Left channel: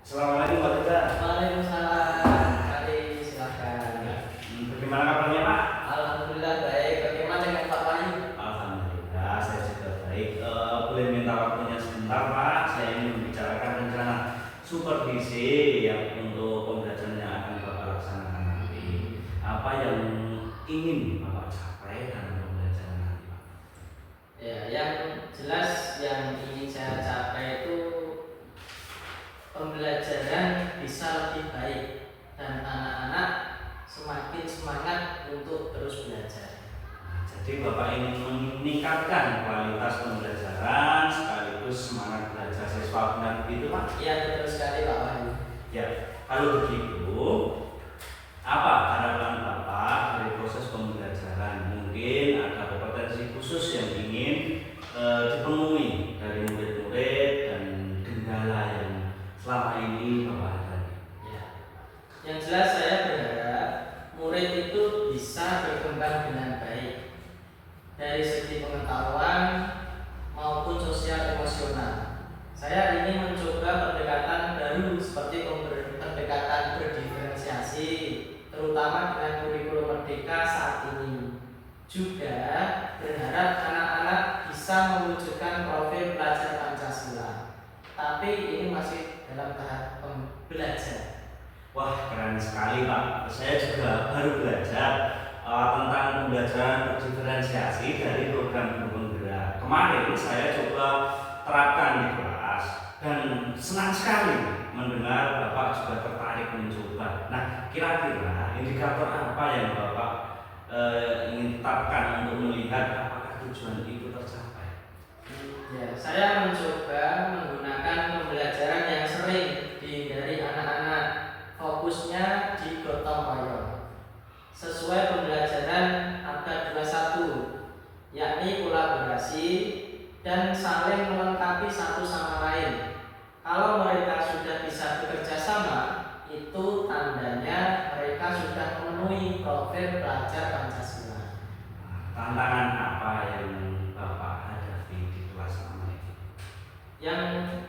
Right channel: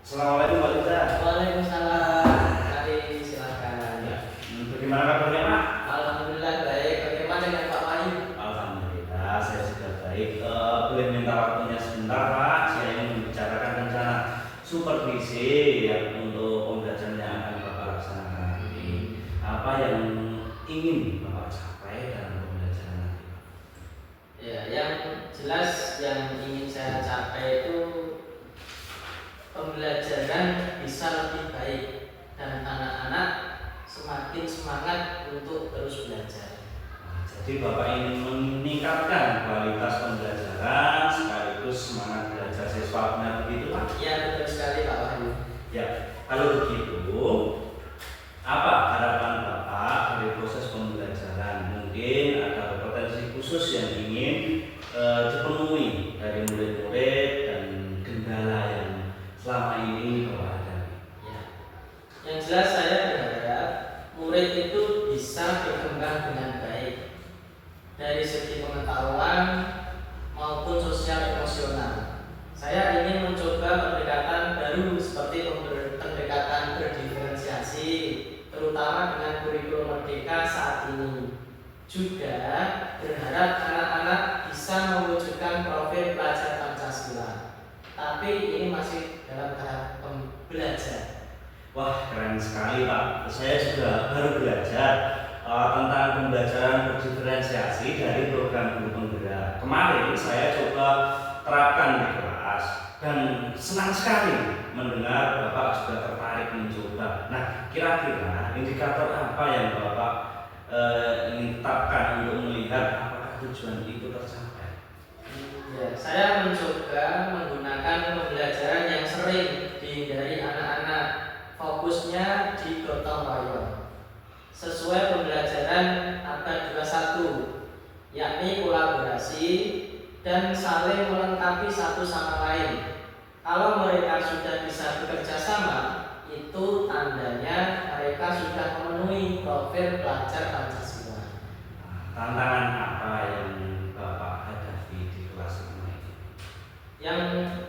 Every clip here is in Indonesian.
Assalamualaikum Pak Lita. Waalaikumsalam. Mari silakan. Bagaimana kabarnya Pak? Alhamdulillah baik. Bagaimana dengan Pak Wahyu? Alhamdulillah saya juga baik. Boleh minta waktunya sebentar Pak? Saya ingin membicarakan rencana supervisi yang untuk pembelajaran yang akan Bapak laksanakan nanti. Apa yang ingin Bapak capai dalam pembelajaran nanti Pak? Ya, yang jelas yang ingin saya capai itu pembelajaran bisa lebih baik dan anak-anak semakin semangat untuk terus belajar. Jadi Bapak ingin meningkatkan kualitas pembelajaran sekaligus semangat belajar siswa, benar begitu Pak? Ya, betul sekali Pak Wahyu. Ya, kalau begitu, apa harapan Bapak dari proses pembelajaran? Mungkin ada potensi khusus yang ingin dipenuhi dari murid-murid dan kendala yang selama ini Bapak hadapi. Ya. Yang jelas saya berharap murid itu bisa berkembang dengan baik dari segi pengetahuan maupun sosial emosional. Saya ingin mencoba pendekatan baru seperti pendekatan berdiferensiasi, terutama dengan kurikulum merdeka saat ini. Juga berharap anak-anak bisa mewujudkan profil pelajar Pancasila. Tapi ini masih dalam tahap belajar. Wah, keren sekali Pak. Saya juga baru belajar tentang pembelajaran berdiferensiasi dari program guru penggerak. Kemarin saya coba terapkan di kelas dan senang sekali mendengar Bapak juga tertarik mencoba. Nah, kira-kira indikator apa yang Bapak ingin tetapkan untuk melihat apakah tujuan itu tercapai? Ya, saya mencoba menggunakan pembelajaran yang sering dihindari anak-anak, fokusnya di gotong royong sesuai pembelajaran abad 21, yakni kolaborasi dan saling melengkapi satu sama lain. Kalau mereka sudah bisa bekerja sama, itu tandanya mereka sudah memenuhi profil pelajar Pancasila. Tantangan apa yang Bapak hadapi di kelas ini? Yang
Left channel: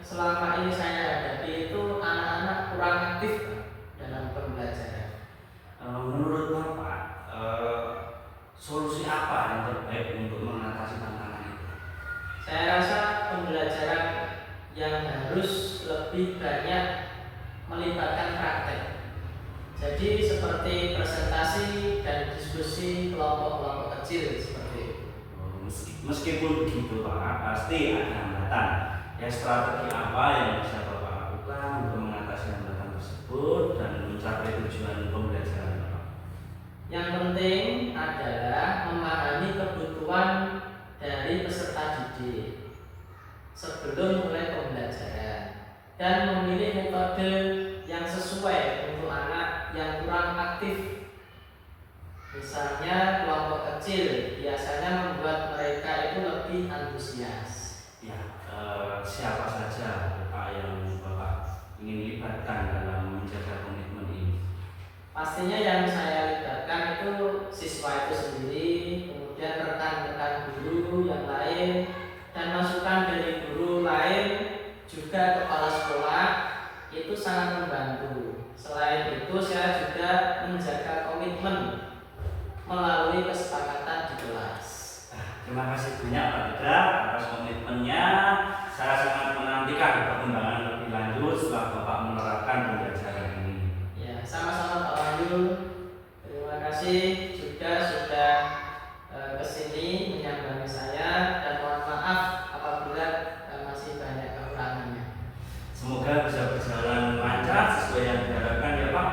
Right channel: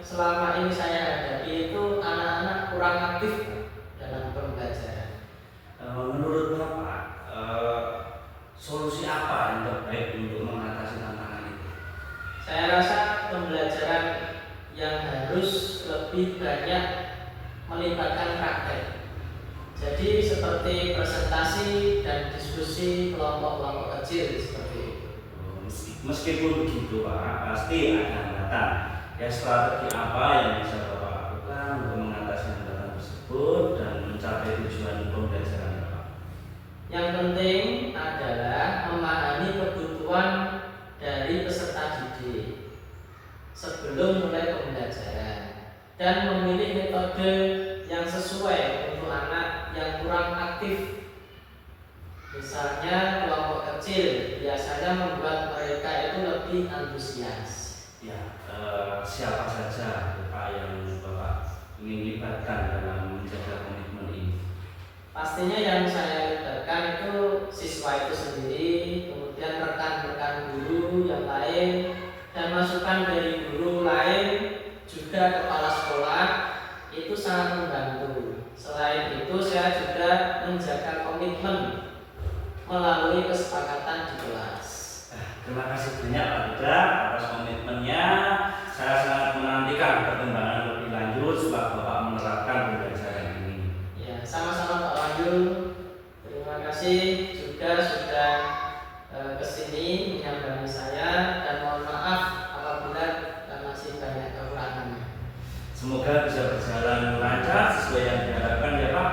selama ini saya hadapi itu anak-anak kurang aktif dalam pembelajaran. Menurut Bapak, solusi apa yang terbaik untuk mengatasi tantangan itu? Saya rasa pembelajaran yang harus lebih banyak melibatkan praktek. Jadi seperti presentasi dan diskusi kelompok-kelompok kecil seperti itu. Meskipun begitu Pak, pasti ada hambatan. Ya, strategi apa yang bisa Bapak lakukan untuk mengatasi hambatan tersebut dan mencapai tujuan pembelajaran Bapak? Yang penting adalah memahami kebutuhan dari peserta didik sebelum mulai pembelajaran dan memilih metode yang sesuai untuk anak yang kurang aktif. Misalnya kelompok kecil biasanya membuat mereka itu lebih antusias. Ya, siapa saja Bapak yang Bapak ingin libatkan dalam menjaga komitmen ini? Pastinya yang saya libatkan itu siswa itu sendiri, kemudian rekan-rekan guru yang lain, dan masukan dari guru lain, juga kepala sekolah, itu sangat membantu. Selain itu saya juga menjaga komitmen melalui kesepakatan di kelas. Terima kasih banyak Pak Lita atas komitmennya. Saya sangat menantikan perkembangan lebih lanjut setelah Bapak menerapkan pembelajaran ini. Ya, sama-sama Pak Wahyu. Terima kasih juga sudah kesini menyambangi saya dan mohon maaf apabila masih banyak kekurangannya. Semoga bisa berjalan lancar sesuai yang diharapkan ya Pak.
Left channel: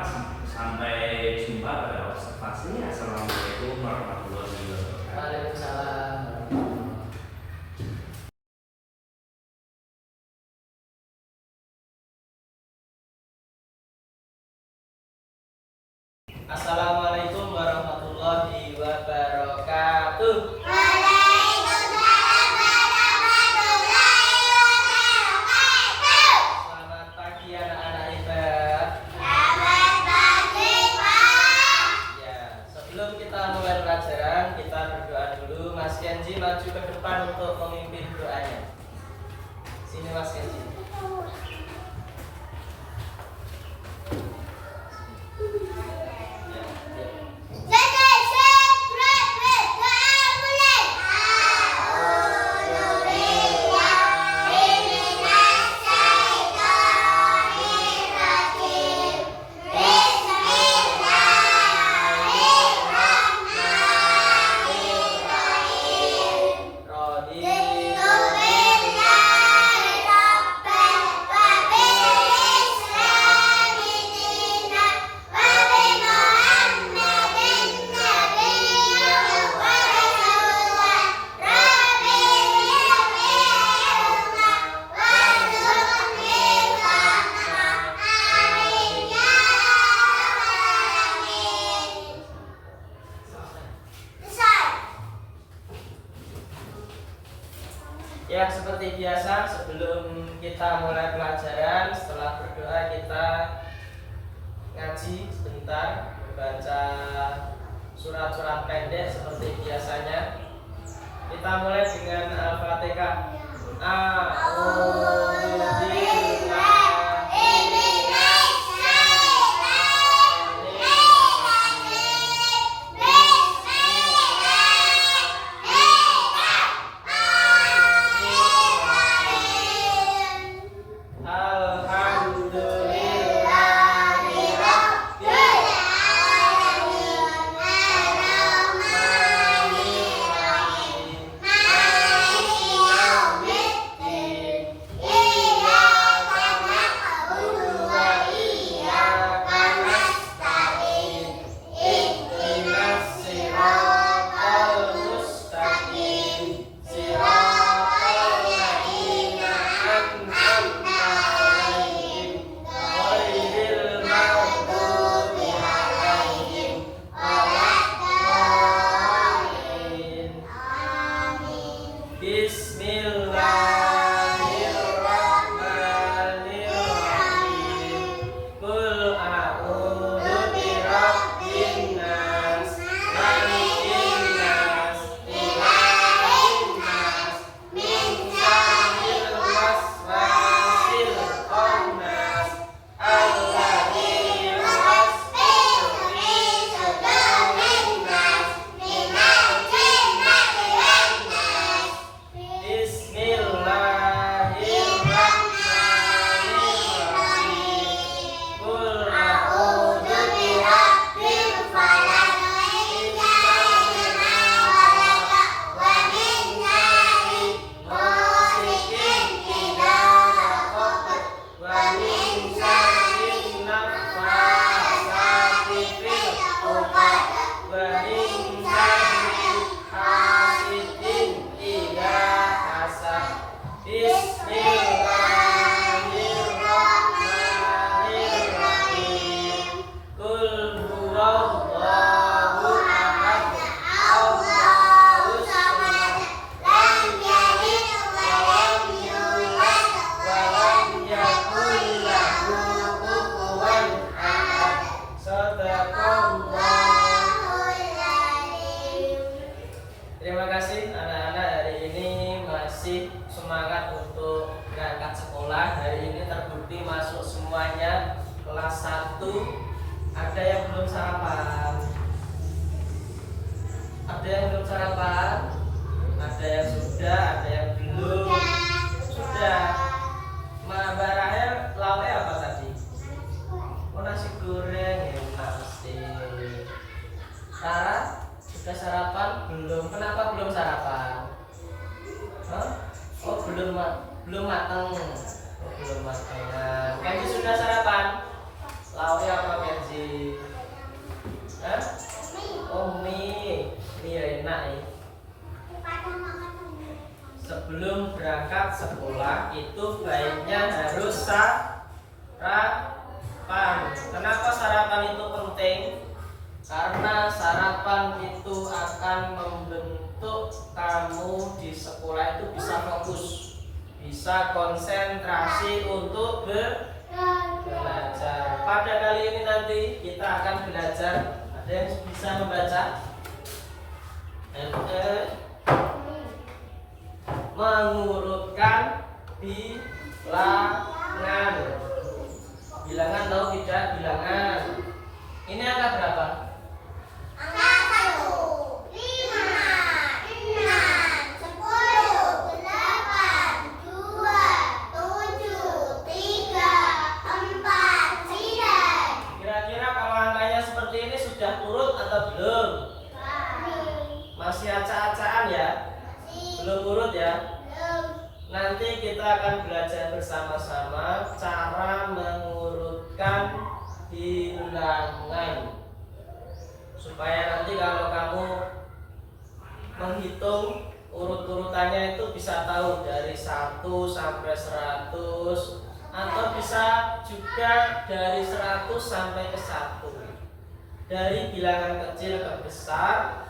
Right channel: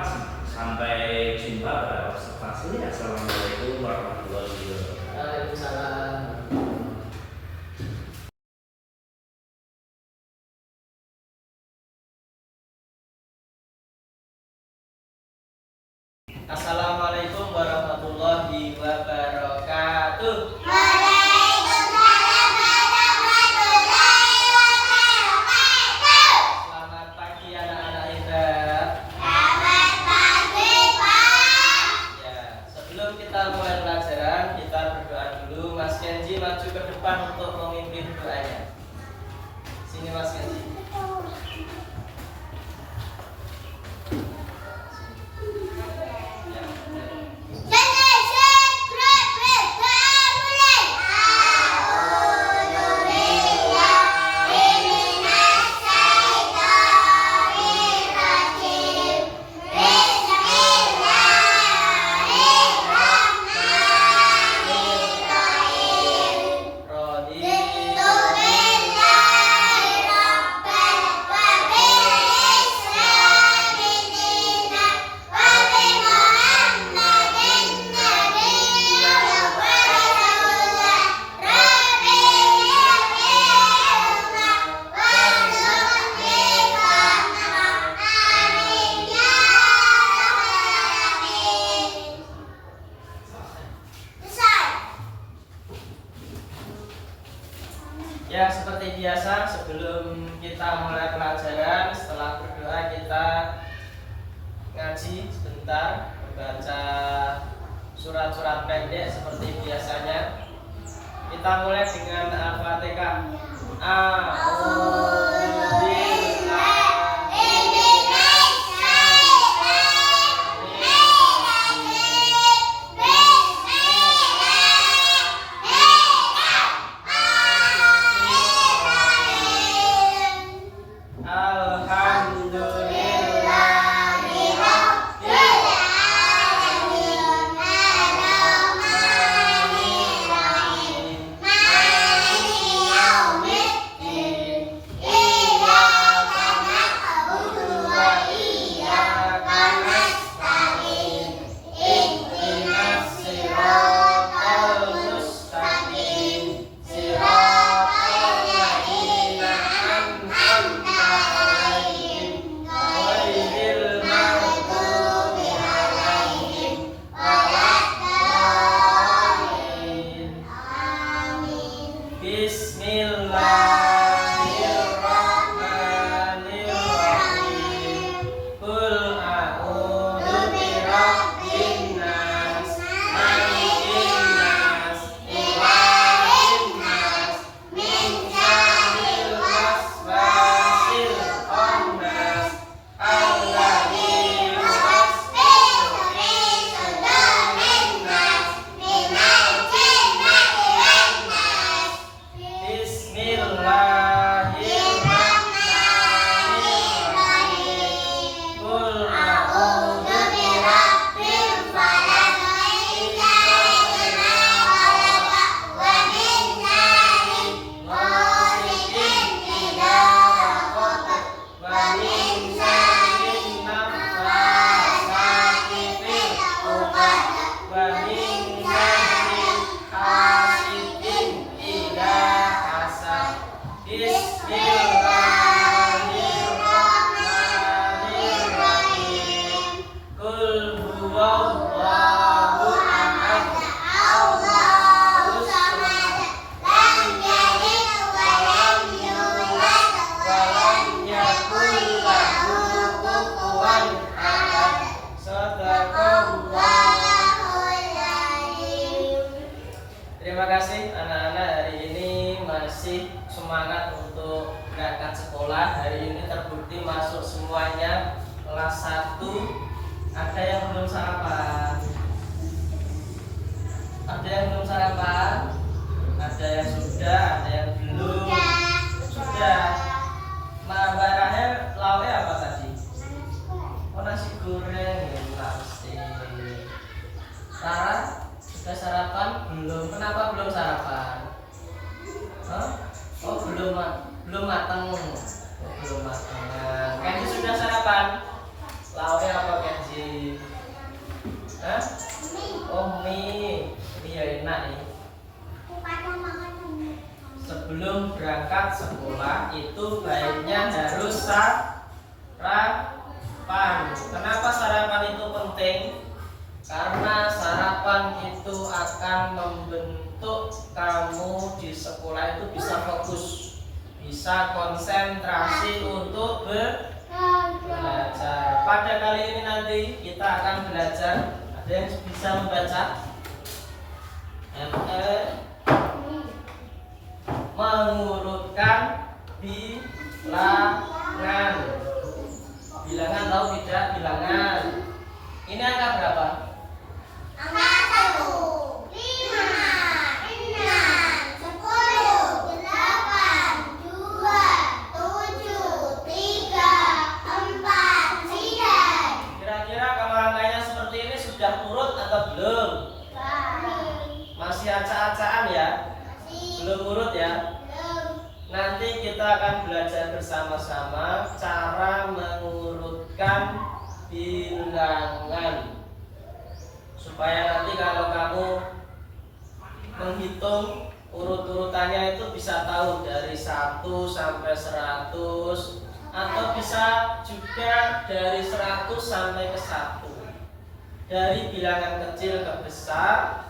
Sampai jumpa pada observasi. Assalamualaikum warahmatullahi wabarakatuh. Waalaikumsalam. Assalamualaikum warahmatullahi wabarakatuh. Waalaikumsalam warahmatullahi wabarakatuh. Selamat pagi anak-anak hebat. Selamat pagi, Pak. Ya, sebelum kita mulai pelajaran, kita berdoa dulu. Mas Kenji maju ke depan untuk memimpin doanya. Sini Mas Kenji. Ya, seperti biasa sebelum kita mulai pelajaran, setelah berdoa kita ngaji sebentar, membaca surat-surat pendek seperti biasanya. Kita mulai dengan Al-Fatihah. Terima kasih anak-anak, hari ini masih semangat untuk berangkat sekolah. Hari ini terbukti masuk semuanya kelas 1. Ada yang belum sarapan? Ada yang belum sarapan? Ada yang sudah, ada yang belum. Sudah. Mbak Rahel, lauknya apa tadi? Oh, nasi goreng, enak pasti. Sarah, sudah sarapan? Belum. Kenapa belum sarapan? Hah? Oh, belum matang. Oh, belum matang. Nah, Kenzi sudah sarapan? Lauknya apa, Kenzi? Hah? Oh, mie. Ini ya enak nih. Sebelum berangkat sekolah itu baiknya harus sarapan. Kenapa sarapan itu penting? Karena sarapan itu akan membentuk kamu di sekolah itu bisa fokus, bisa konsentrasi untuk belajar. Pada kali ini nanti kita akan belajar. Ada yang bisa membaca? Mengurutkan bilangan. Bilangan tahu tidak? Bilangan. Ini angka berapa? Angka 1, 5, 6, 10, 8, 2, 7, 3, 4, 9. Kira-kira kalau angkanya seperti ini sudah urut atau belum? Masih acak-acakan ya? Belum urut ya? Nanti kita akan belajar bersama-sama cara mengurutkan bilangan, supaya nanti kalau kamu menghitung urut-urutannya itu bisa tahu dari 1 sampai 100, atau bisa juga dari 100 sampai ke 1, dari bilangan kecil ke besar,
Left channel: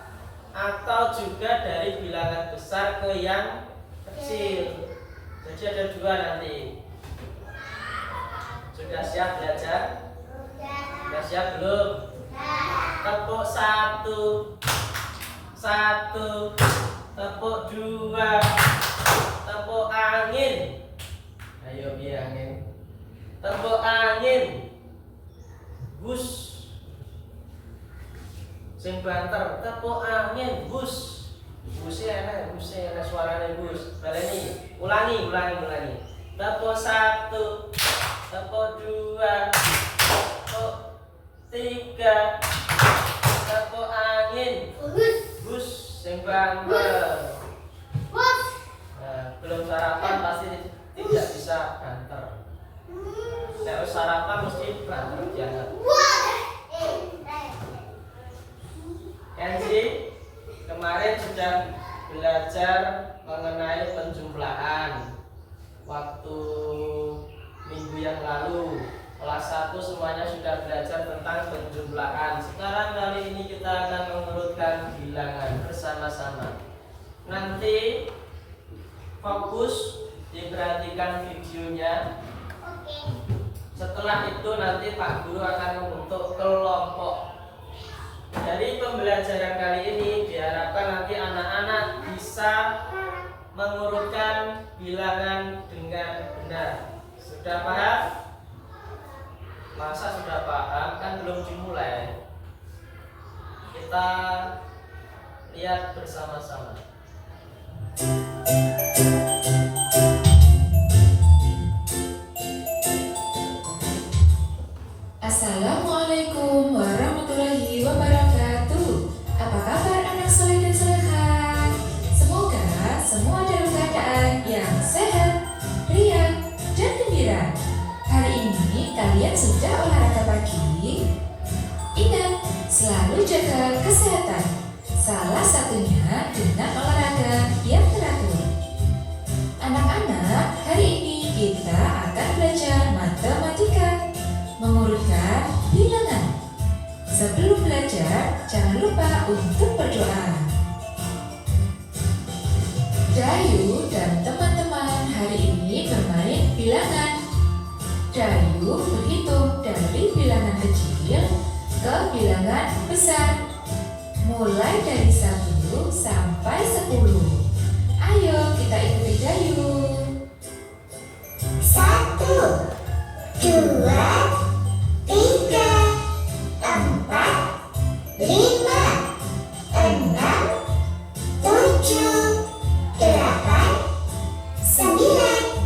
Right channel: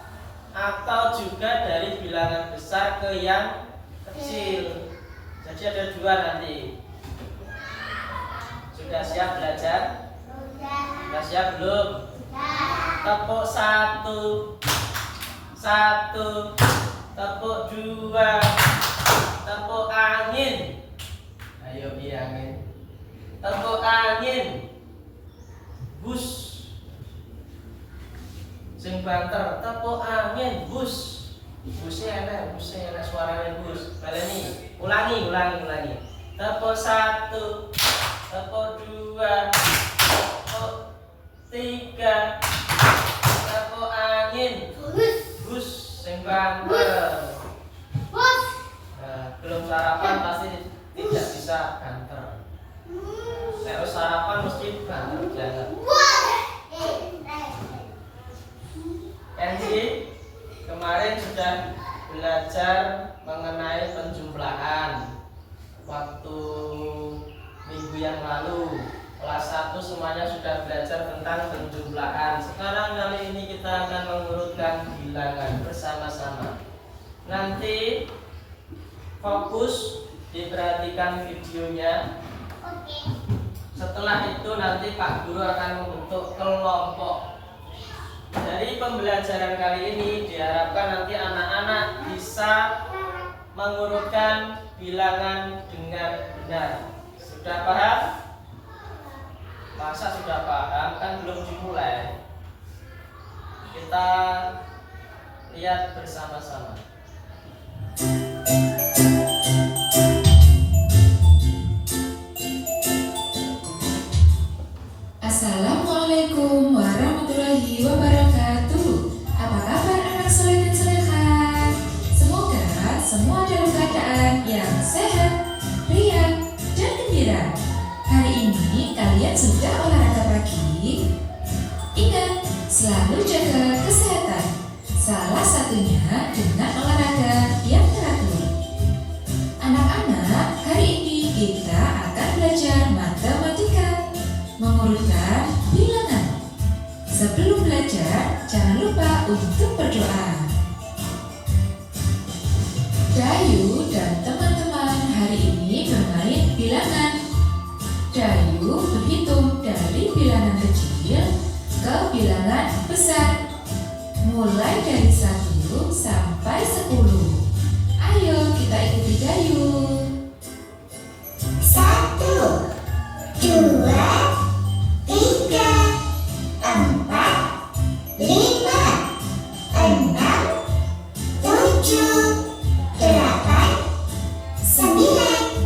atau juga dari bilangan besar ke yang kecil. kecil. Jadi ada dua nanti. Sudah siap belajar? Sudah siap belum? Tepuk 1, 1, tepuk 2, tepuk angin. Ayo biar angin. Tepuk angin. Bus. Sing banter, tepuk angin, bus. Busnya enak suaranya bus. Baleni, ulangi. Tepuk 1, tepuk 2, tepuk 3, tepuk angin, bus. Sing banter. Nah, belum sarapan pasti tidak bisa banter. Kalau sarapan mesti banter jangan. Kenzi kemarin sudah belajar mengenai penjumlahan waktu minggu yang lalu. Kelas 1 semuanya sudah belajar tentang penjumlahan. Sekarang kali ini kita akan mengurutkan bilangan bersama-sama. Nanti fokus diperhatikan videonya. Setelah itu nanti Pak Guru akan membentuk kelompok. Dari pembelajaran kali ini diharapkan nanti anak-anak bisa mengurutkan bilangan dengan benar. Sudah paham? Masa sudah paham? Kan belum dimulai. Kita lihat bersama-sama. Assalamualaikum warahmatullahi wabarakatuh. Apa kabar anak soleh dan soleha? Semoga semua dalam keadaan yang sehat, riang, dan gembira. Hari ini kalian sudah olahraga pagi? Ingat, selalu jaga kesehatan. Salah satunya dengan olahraga yang teratur. Anak-anak, hari ini kita akan belajar matematika, mengurutkan bilangan. Sebelum belajar, jangan lupa untuk berdoa. Dayu dan teman-teman hari ini bermain bilangan. Dayu berhitung dari bilangan kecil ke bilangan besar, mulai dari 1 sampai 10. Ayo kita ikuti Dayu. 1, 2, 3, 4, 5, 6, 7, 8, 9,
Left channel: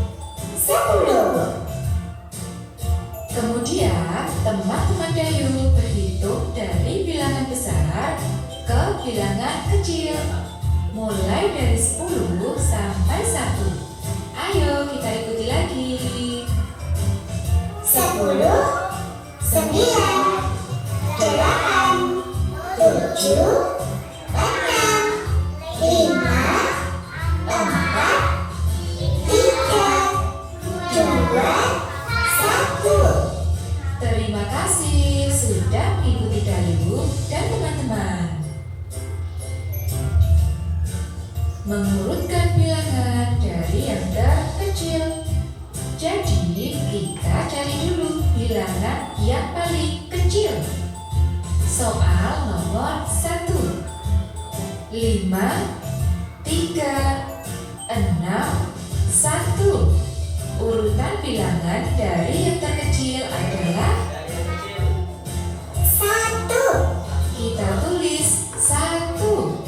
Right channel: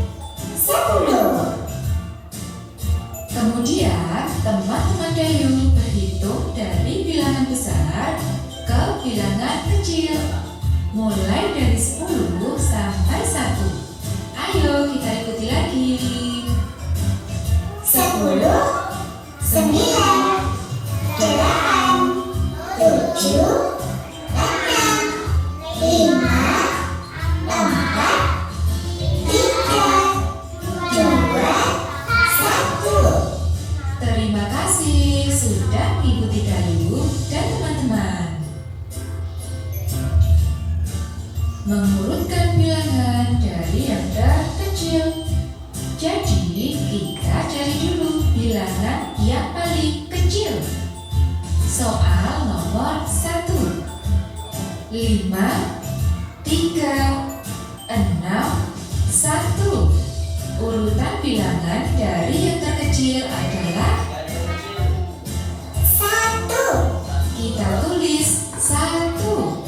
10. Kemudian teman-teman Dayu berhitung dari bilangan besar ke bilangan kecil, mulai dari 10 sampai 1. Ayo kita ikuti lagi. 10, 9, 8, 7, 6, 5, 4, 3, 2, 1. Terima kasih sudah mengikuti Dayu dan teman-teman. Mengurutkan bilangan dari yang terkecil. Jadi kita cari dulu bilangan yang paling kecil. Soal nomor 1. 5, 3, 6, 1. Urutan bilangan dari yang terkecil adalah 1. kita tulis 1.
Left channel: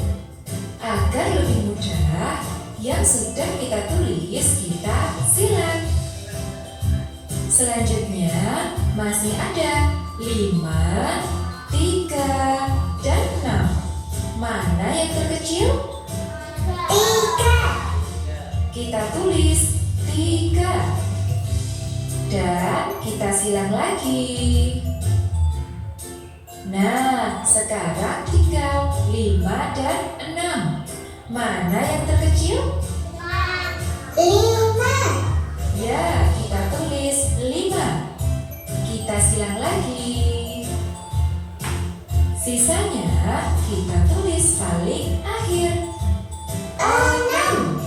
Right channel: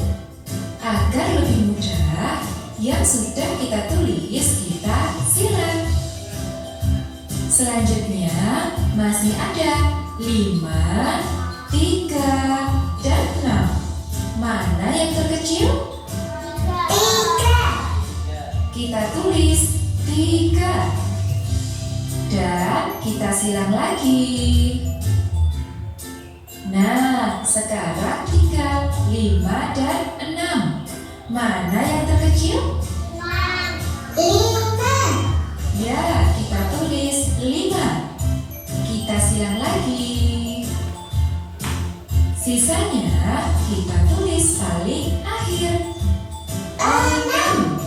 Agar lebih mudah, yang sudah kita tulis kita silang. Selanjutnya masih ada 5, 3, dan 6. Mana yang terkecil? 3. Kita tulis 3. Dan kita silang lagi. Nah, sekarang tinggal 5 dan 6. Mana yang terkecil? 5. Ya, kita tulis 5. Kita silang lagi. Sisanya kita tulis paling akhir. 6.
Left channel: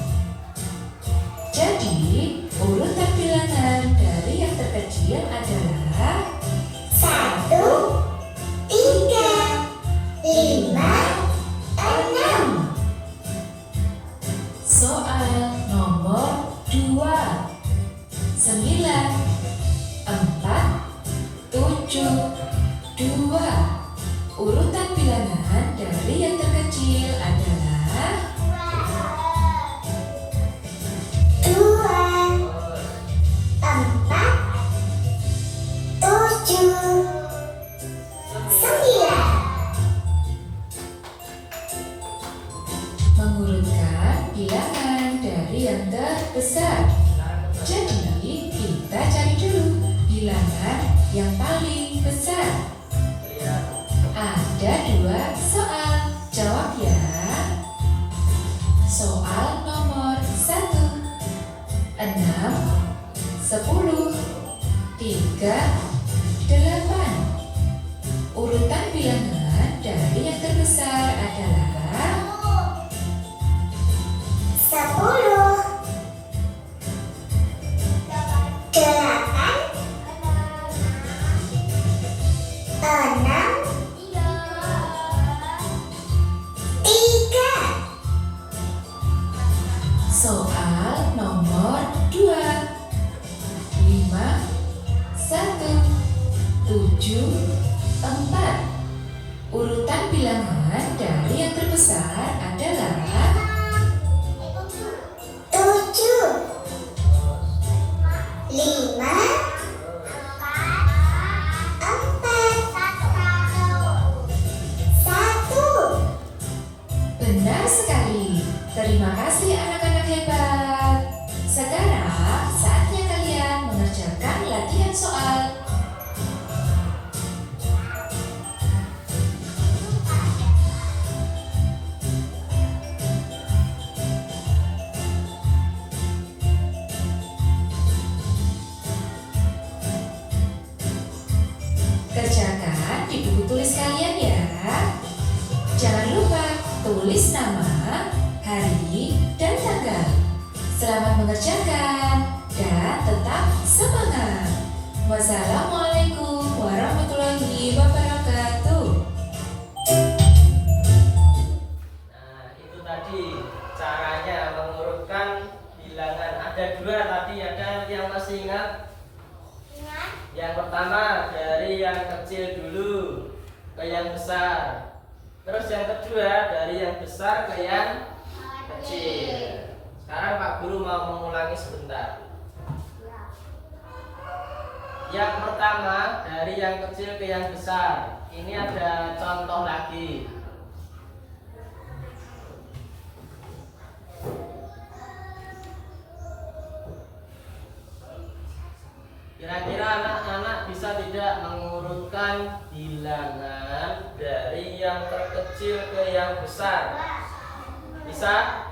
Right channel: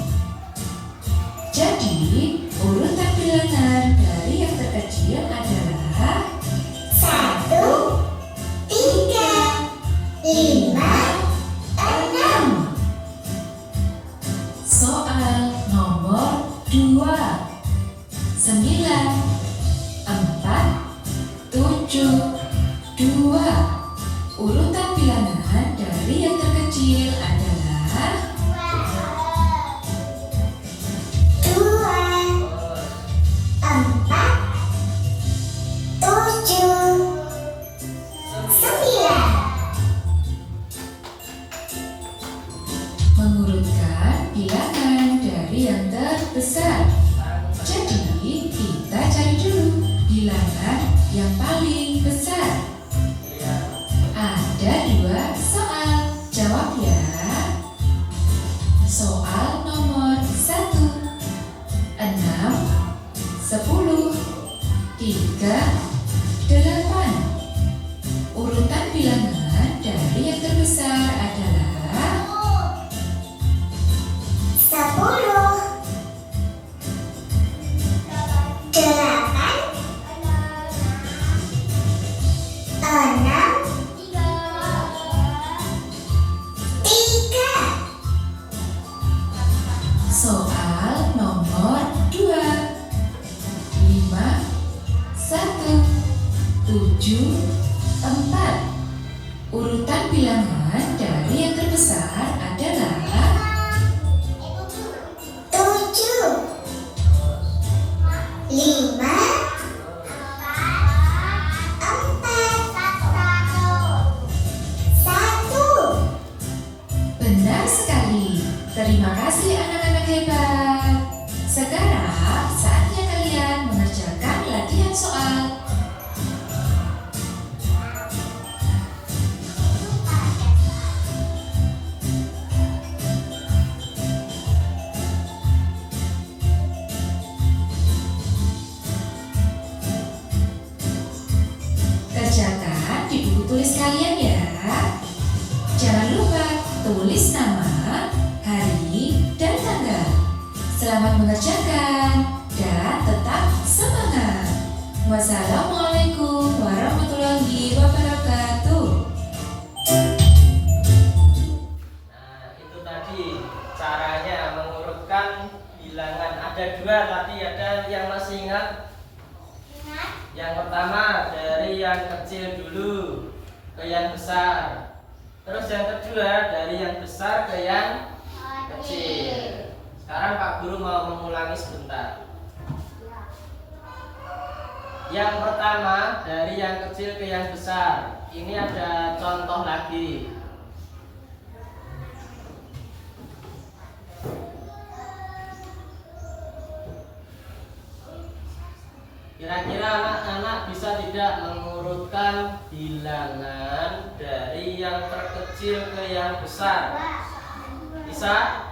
mengurutkan bilangan dari yang terbesar. Jadi kita cari dulu bilangan yang paling besar. Ada 2 soal, jawab ya. Soal nomor 1, 6, 10, 3, 8. Urutan bilangan dari yang terbesar adalah 10, 8, 6, 3. soal nomor 2, 5, 1, 7, 4. Urutan bilangan dari yang terbesar adalah 7, 5, 4, 1. benar sekali. Terima kasih anak-anak hebat. Sekarang saatnya kalian mengerjakan latihan soal. Kerjakan di buku tulis kalian ya. Jangan lupa tulis nama, hari, dan tanggal. Selamat mengerjakan dan tetap semangat. Wassalamualaikum warahmatullahi wabarakatuh. Nah, itu tadi caranya mengurutkan bilangan. Ada 2 tadi, ada yang masih ingat? Yang pertama dari yang kecil dulu ke yang besar. Terus yang kedua dari yang besar ke yang kecil. Sekarang Pak Guru mau mengulangi sebentar. Yang pertama dari yang kecil ke yang besar. Ini ada contoh lagi. Kira-kira anak-anak bisa tidak mengurutkan bilangan dari yang terkecil ke yang besar? Bisa?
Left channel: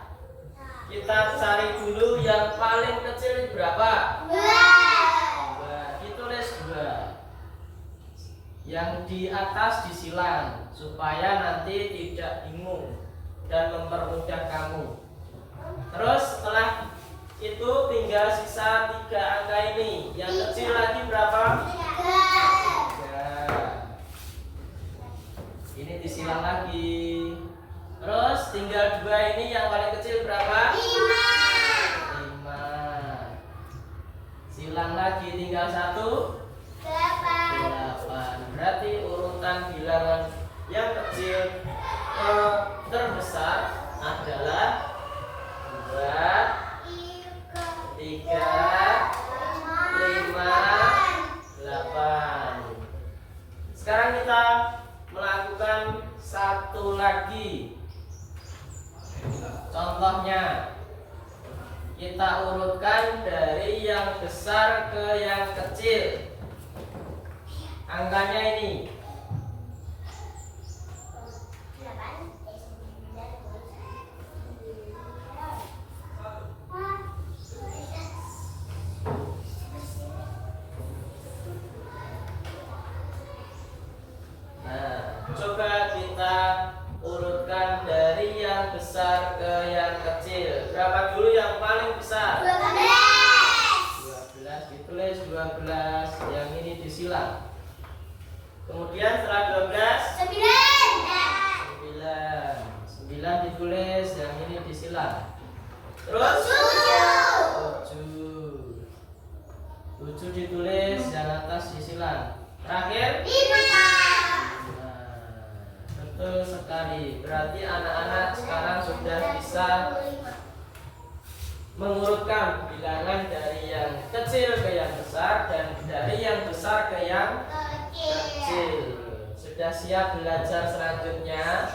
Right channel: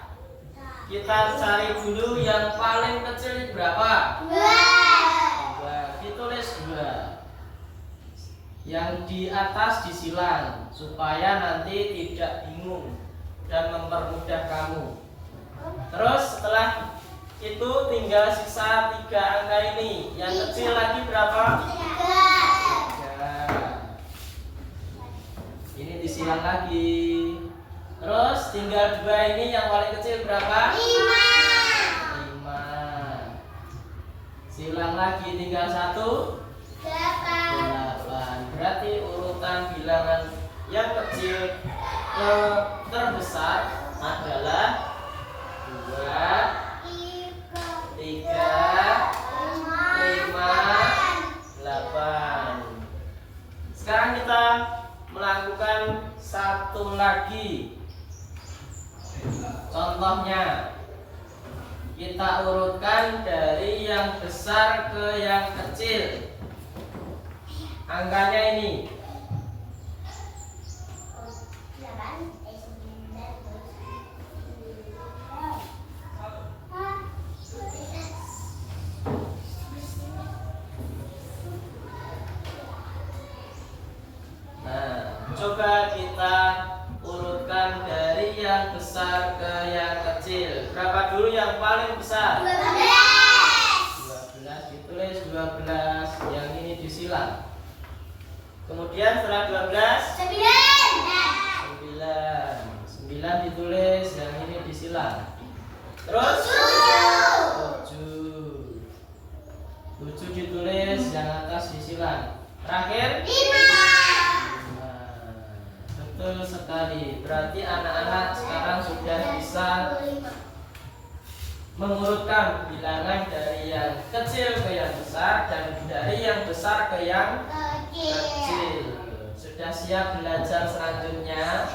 Kita cari dulu yang paling kecil berapa? 2. Ditulis 2. Yang di atas disilang supaya nanti tidak bingung dan mempermudah kamu. Terus setelah itu tinggal sisa 3 angka ini. Yang kecil lagi berapa? 3. Ini disilang lagi. Terus tinggal 2 ini, yang paling kecil berapa? 5. Silang lagi, tinggal 1. 8. Berarti urutan bilangan yang kecil ke terbesar adalah 2, 3, 5, 8. Sekarang kita melakukan satu lagi. Contohnya, kita urutkan dari yang besar ke yang kecil. Angkanya ini. Coba kita urutkan dari yang besar ke yang kecil. Berapa dulu yang paling besar? 12. Ditulis 12. Yang ini disilang. Kemudian setelah 12, 9 ditulis. Yang ini disilang. Terus 7 ditulis. Yang atas disilang. Terakhir 5. Betul sekali. Berarti anak-anak sekarang sudah bisa mengurutkan bilangan dari yang kecil ke yang besar dan dari yang besar ke yang kecil. Sudah siap belajar selanjutnya?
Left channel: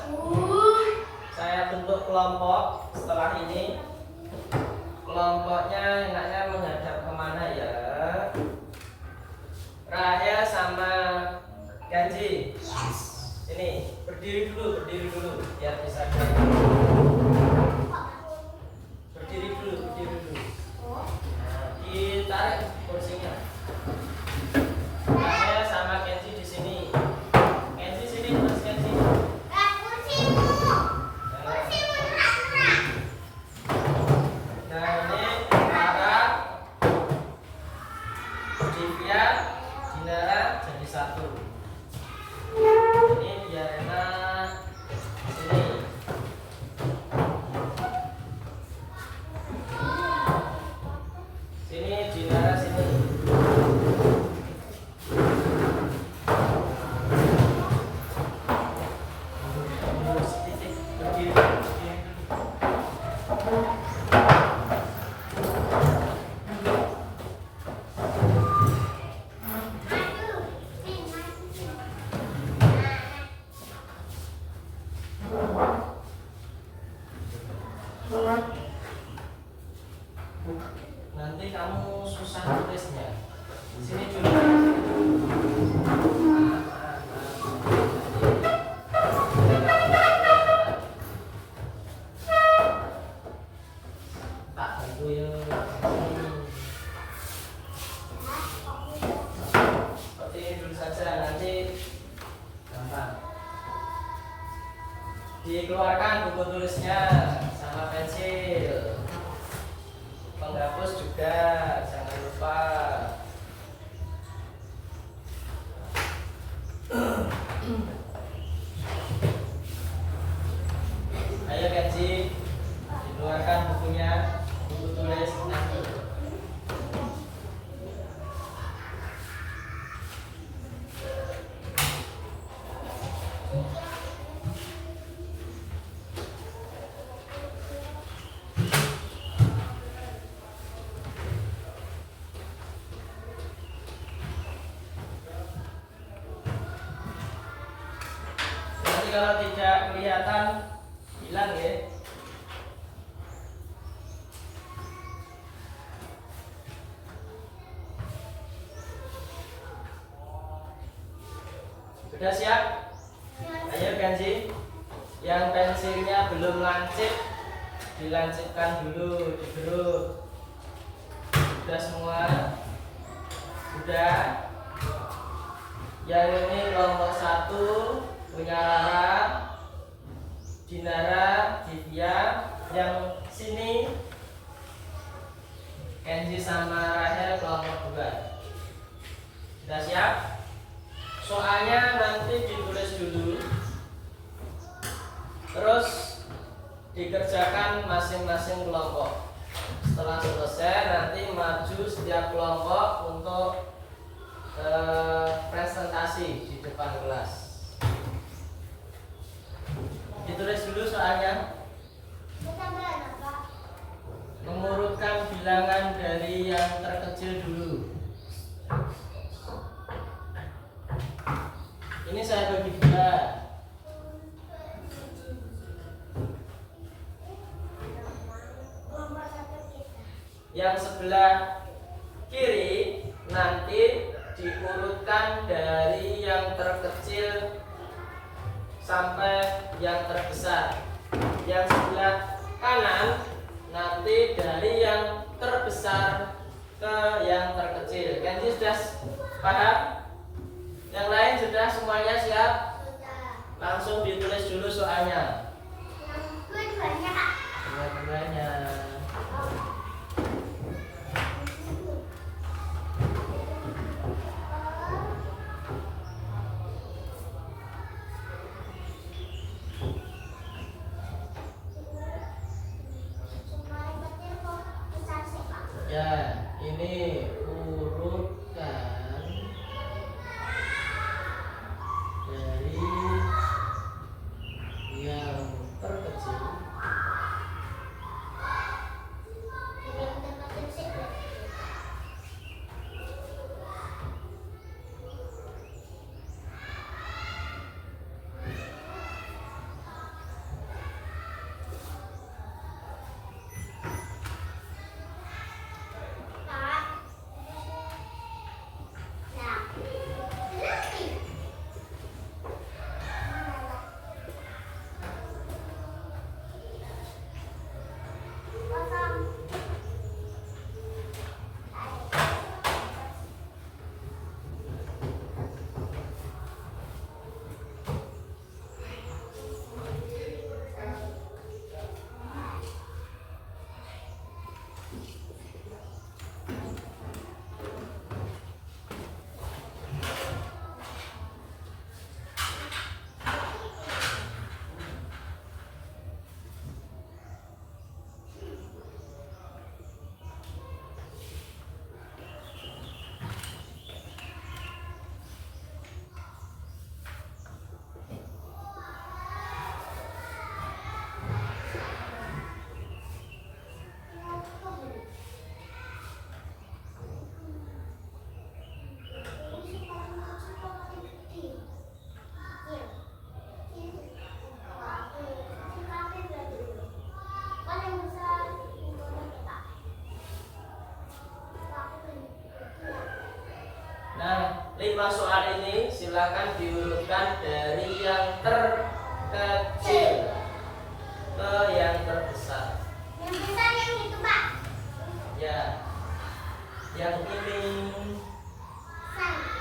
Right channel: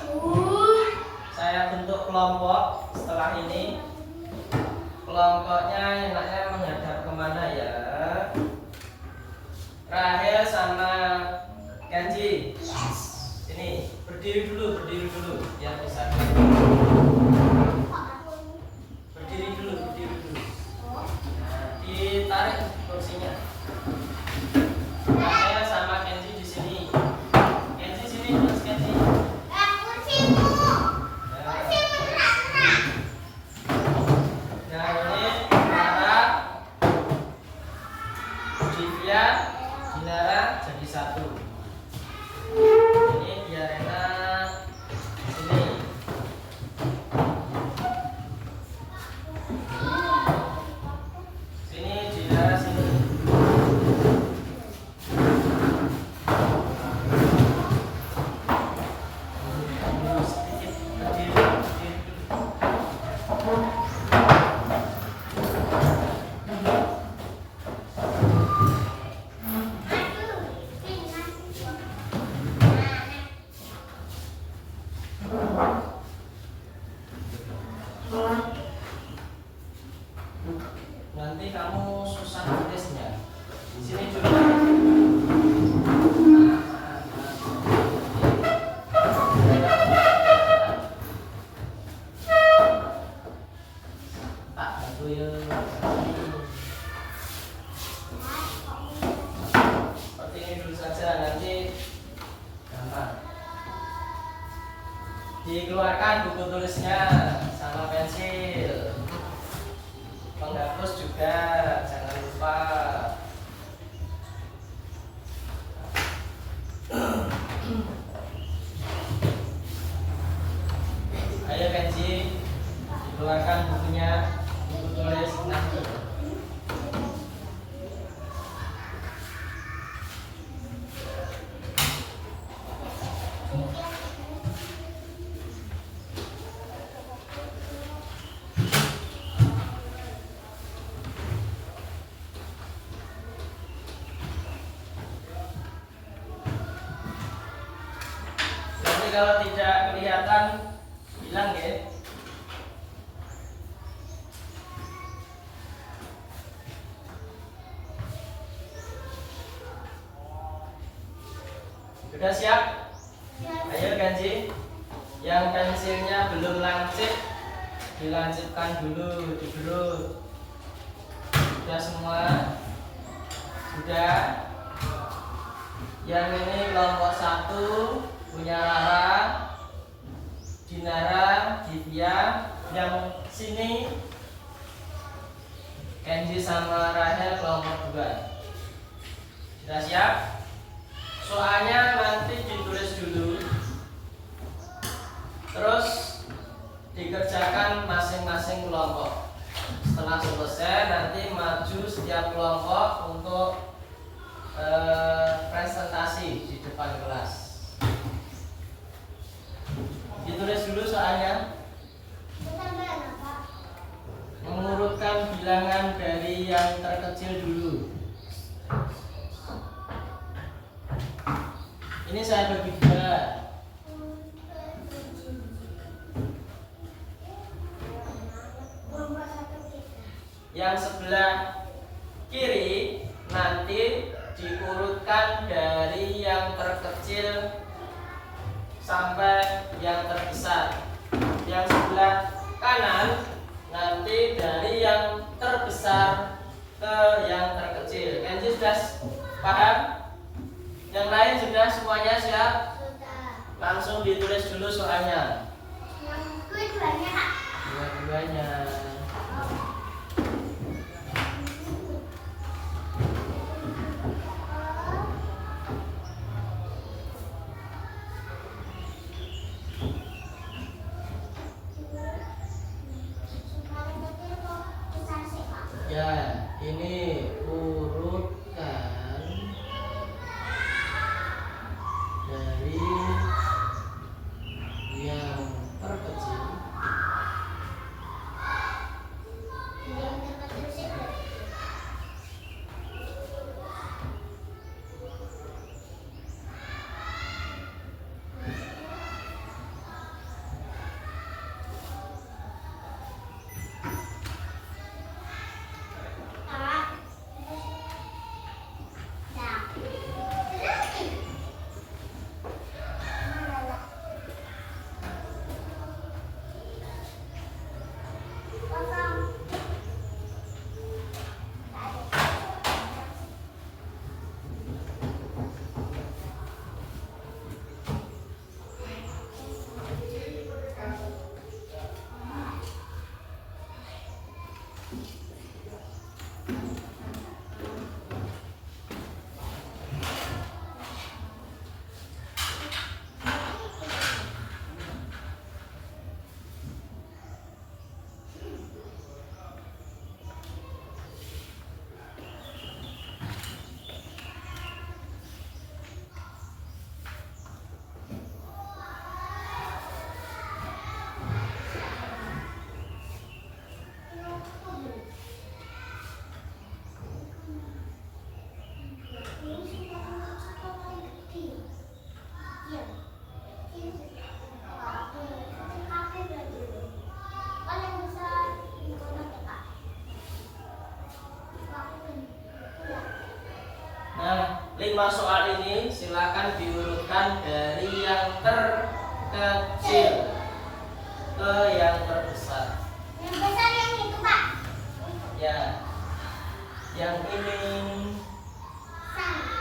Saya bentuk kelompok setelah ini. Kelompoknya enaknya menghadap kemana ya? Rahel sama Kenji. Sini, berdiri dulu biar bisa. Berdiri dulu. Nah, ditarik kursinya. Rahel sama Kenji di sini. Kenji sini, Mas Kenji. Nah, ini Nara, Divya, Dinara jadi satu. Ini Diarena sini. Sini Dinara sini. Sedikit berdiri. Nanti kamu susah tulisnya. Sini coba. Tak bantu ya. Seperti ini dulu saja, nanti gampang. Dikeluarkan buku tulisnya sama pensil. Penghapus juga jangan lupa. Ayo Kenji, dikeluarkan bukunya, buku tulis nanti. Nanti kalau tidak kelihatan bilang ya. Sudah siap? Ayo Kenji. Yang pensilnya belum lancip, dilancipkan dulu, digeruk. Sudah semua? Sudah. Yang ini kelompok 1 punya Rara, Dinara, Divya. Yang sini Kenji sama Rahel kelompok 2. Sudah siap? Soalnya nanti ditulis dulu, terus dikerjakan masing-masing kelompok. Setelah selesai nanti maju setiap kelompok untuk presentasi di depan kelas. Ditulis dulu soalnya. Mengurutkan bilangan dari yang terkecil dulu. Ini saya bagi 2. Yang sebelah kiri nanti diurutkan dari yang terkecil sampai yang terbesar. Yang sebelah kanan nanti dari yang terbesar ke yang terkecil. Kenji sudah paham? Yang lain sudah semuanya siap? Langsung ditulis dulu soalnya. Dua-duanya. Ya, ini urutkan dari yang 5 soal ini silakan diurutkan dari yang terkecil ke yang terbesar. Yang besar yang itu, Pak. Ya, yang ini. Sama.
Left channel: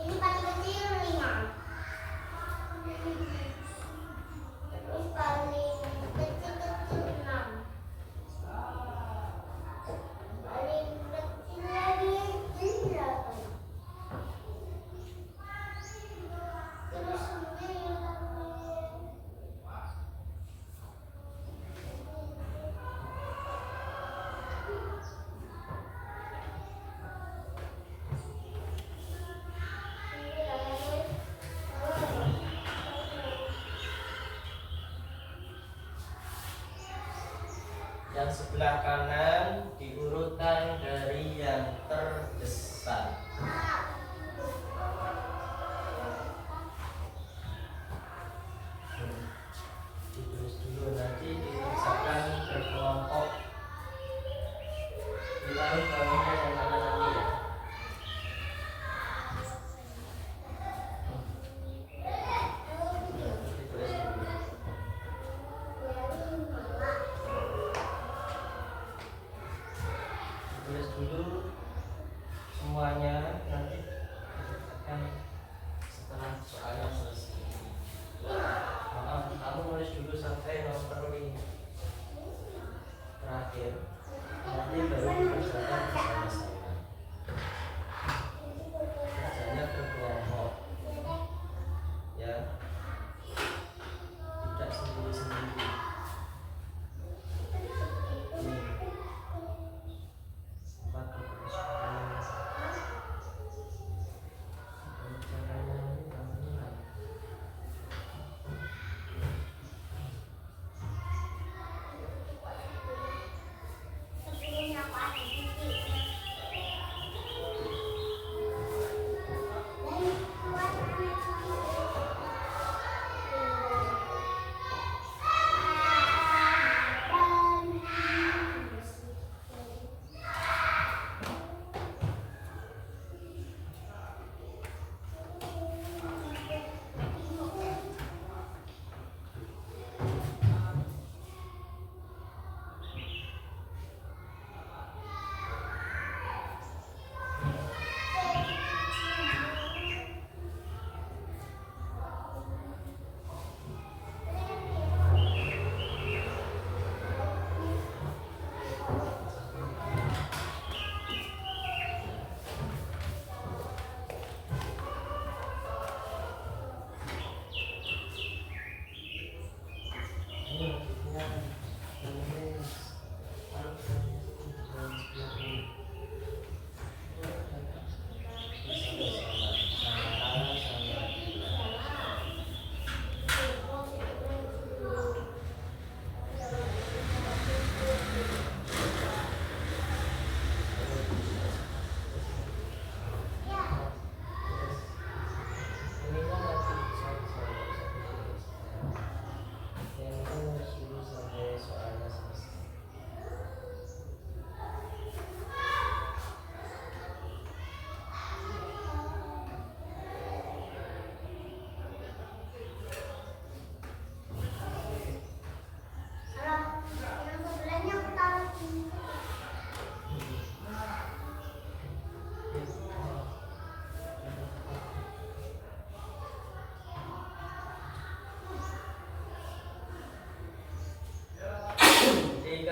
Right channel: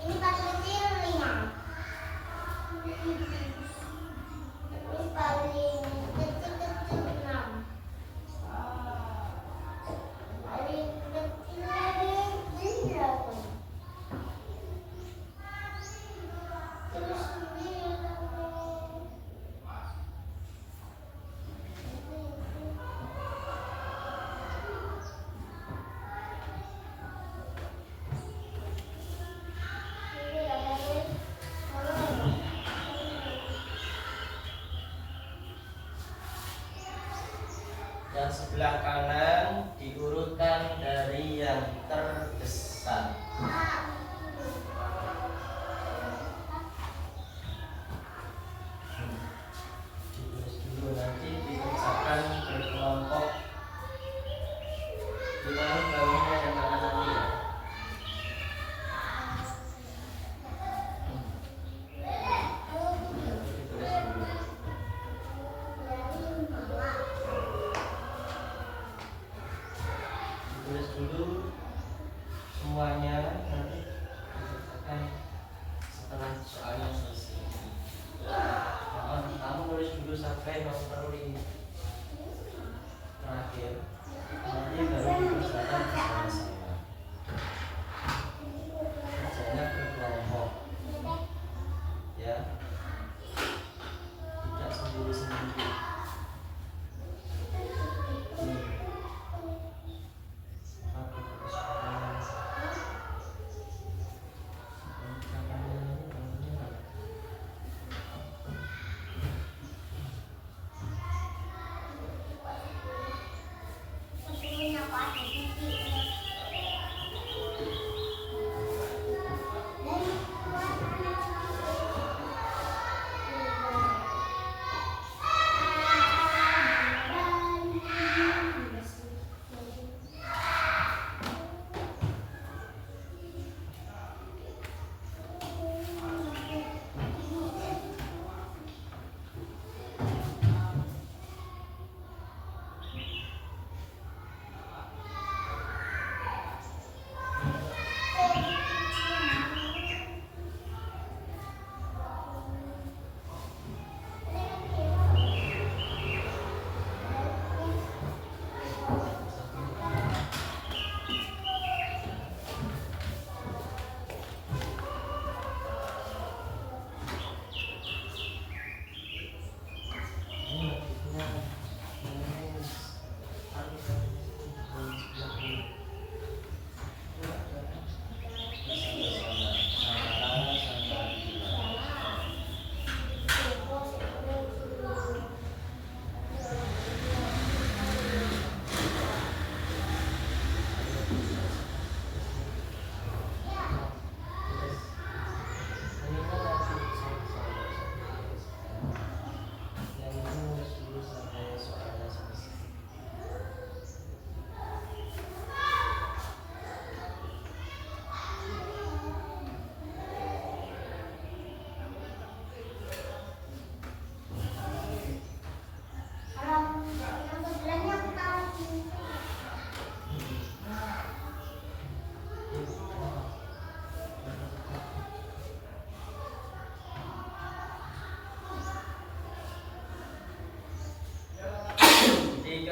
Ini paling kecil ringan. Ini paling kecil-kecil 6. Paling kecil lagi 8. Terus 9. Yang sebelah kanan diurutkan dari yang terbesar. Ditulis dulu, nanti dikerjakan berkelompok. Ulangi bawahnya yang mana nanti ya. Ditulis dulu. Tulis dulu semuanya.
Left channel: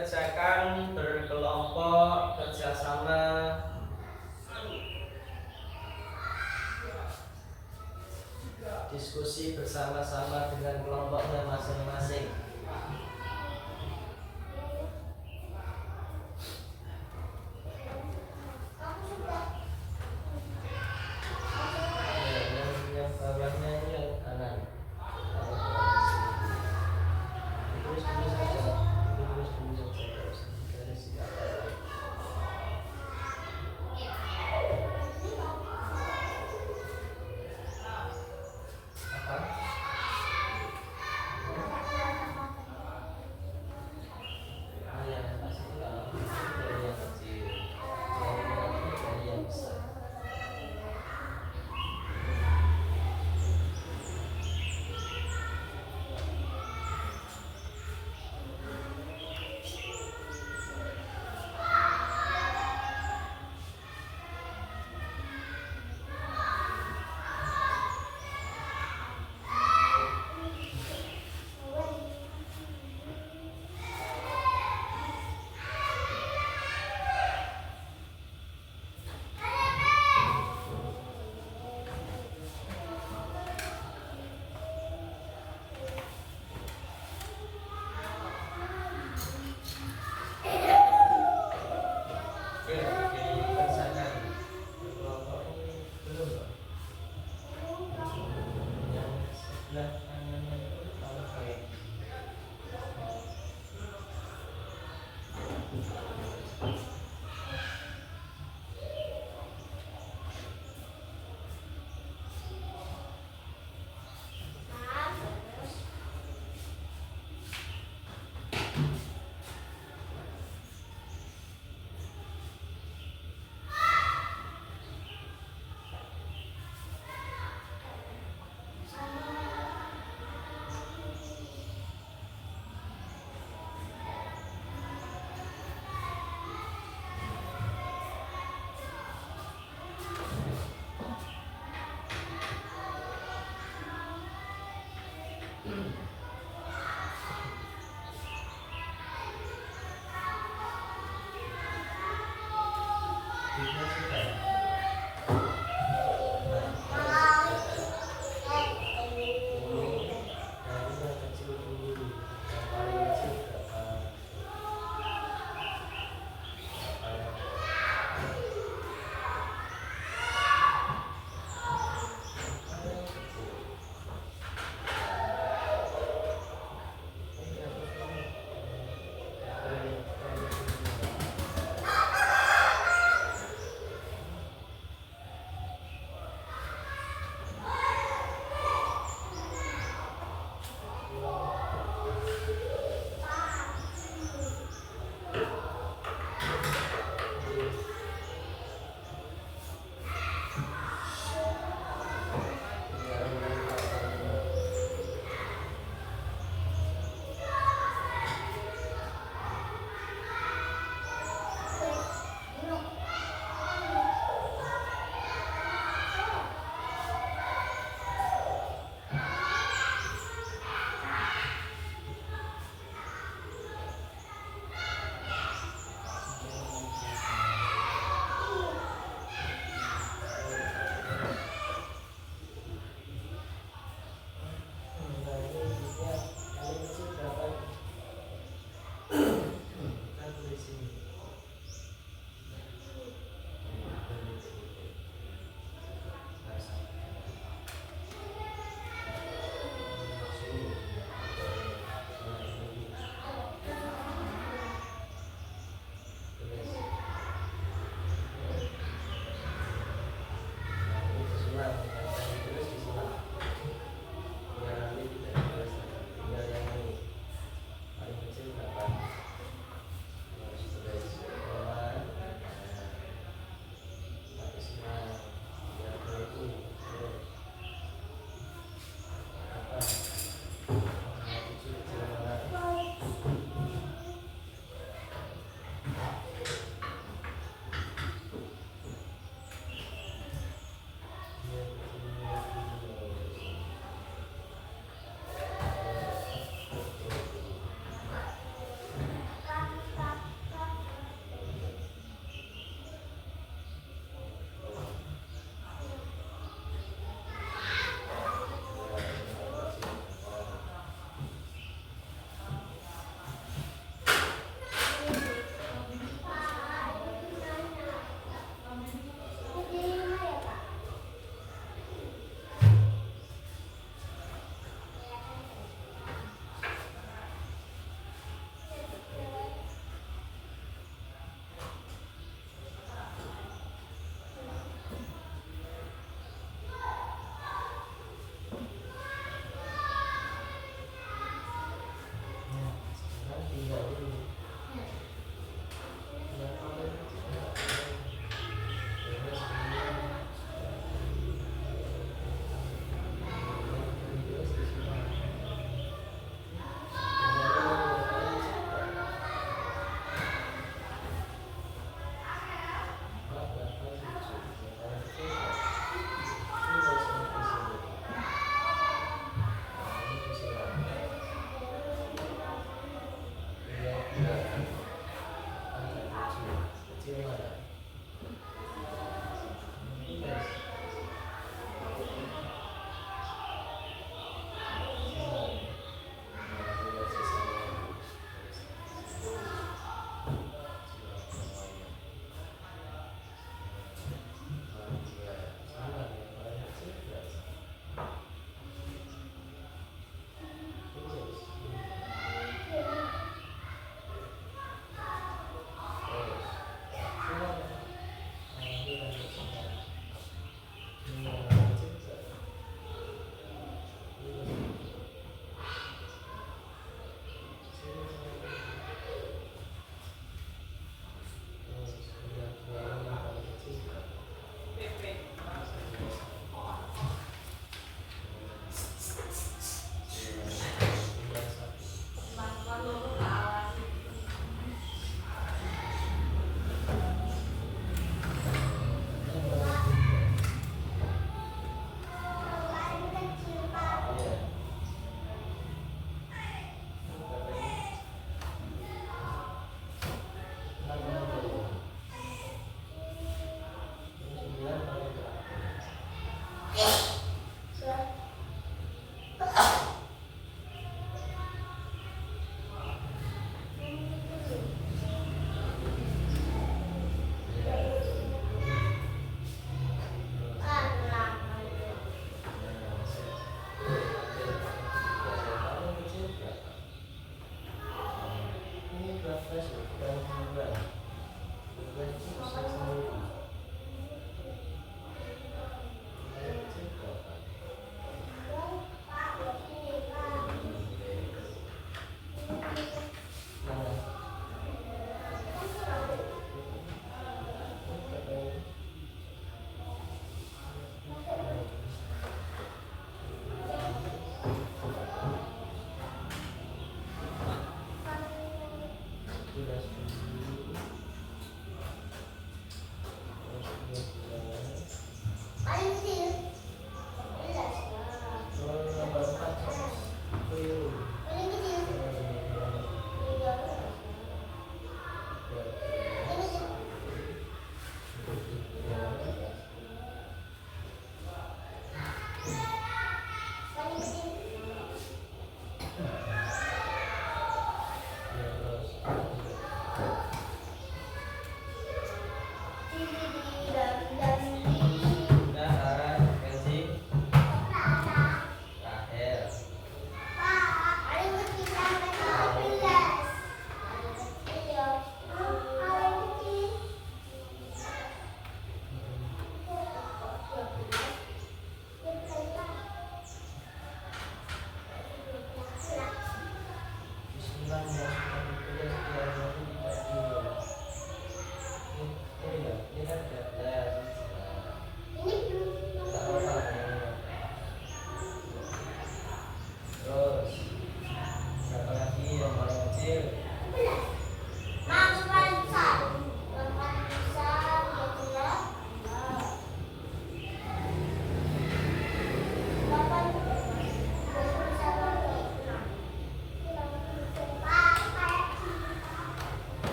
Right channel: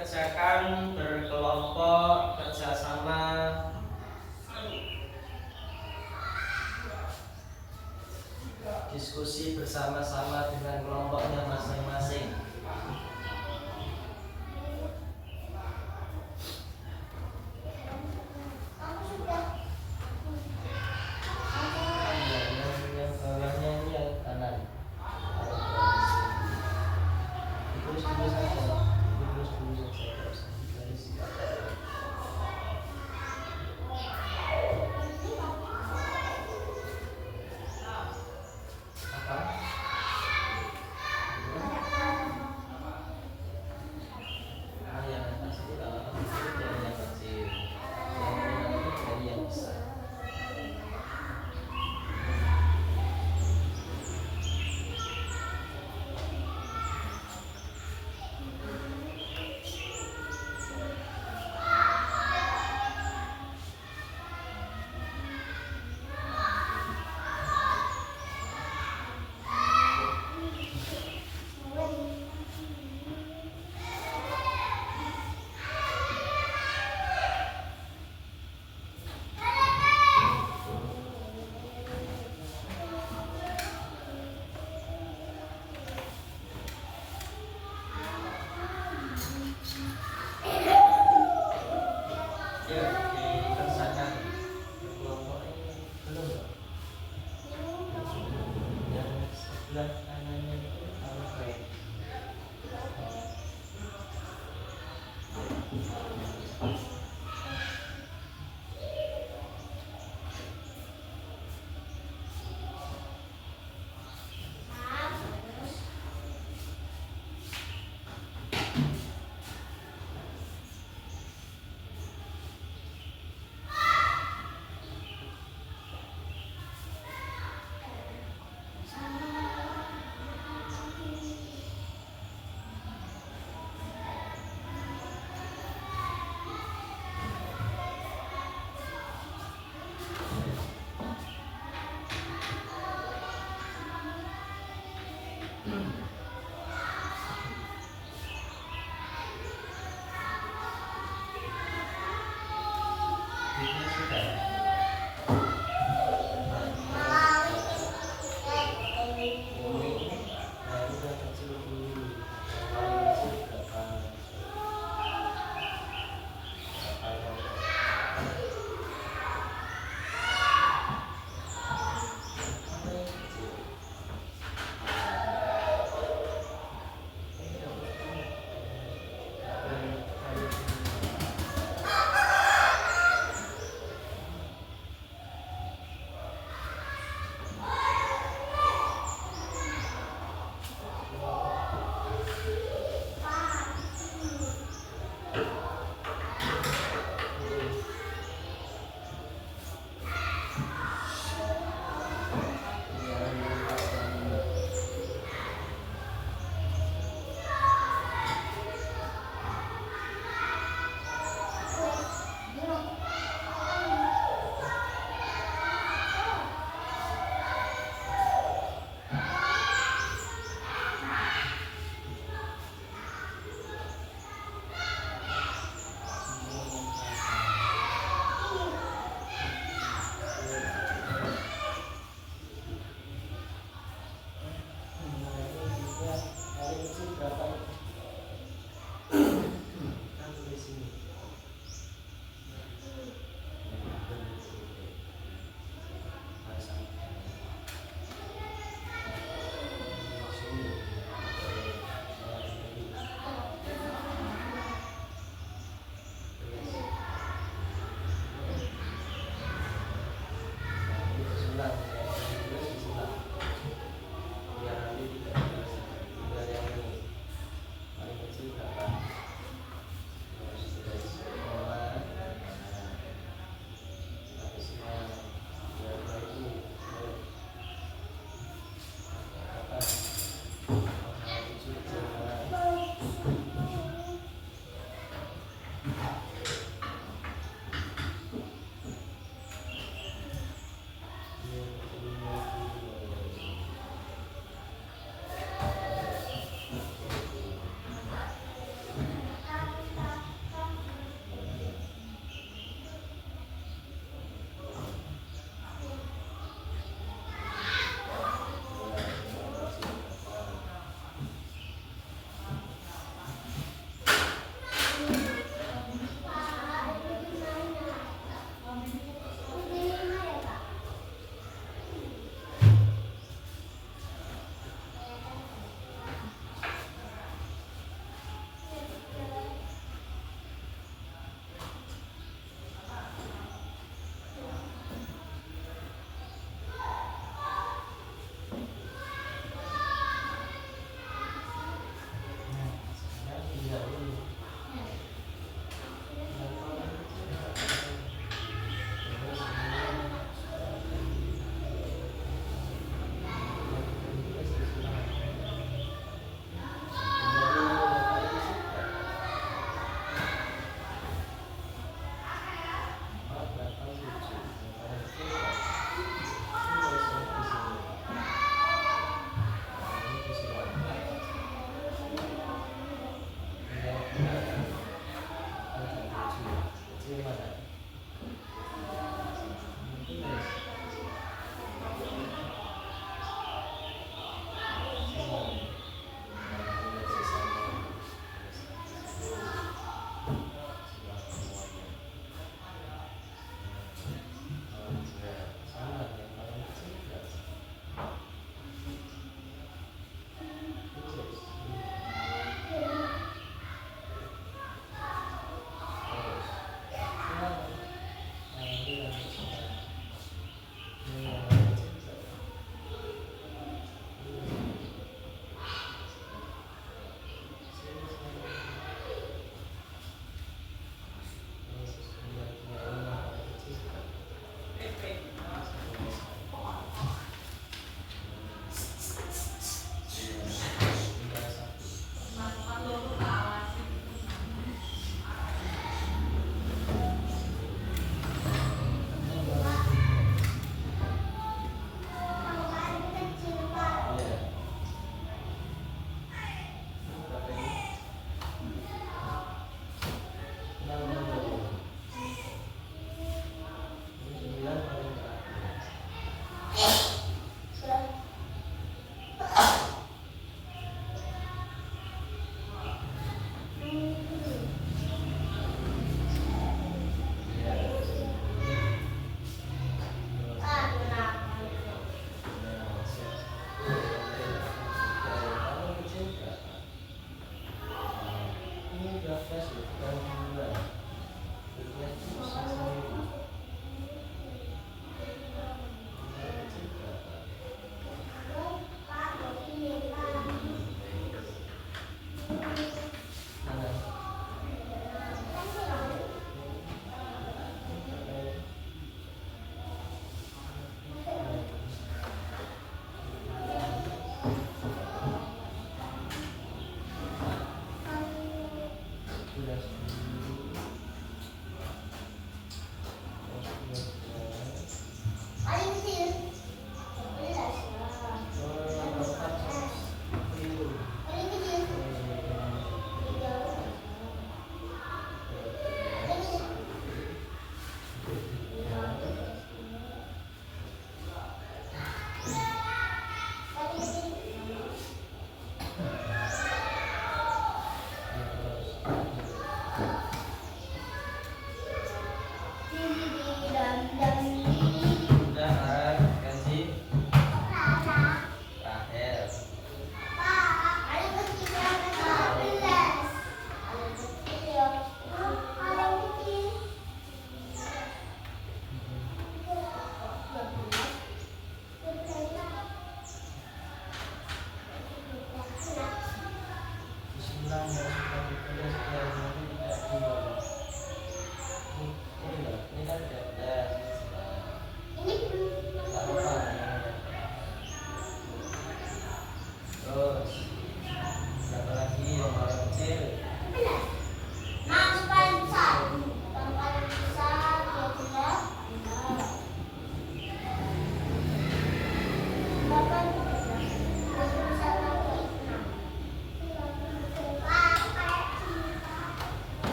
kerjakan berkelompok, kerjasama. Diskusi bersama-sama dengan kelompoknya masing-masing. Yang bawahnya ini yang kanan. Terus dulu saja, terus dulu saja, terus dari sini. Apa?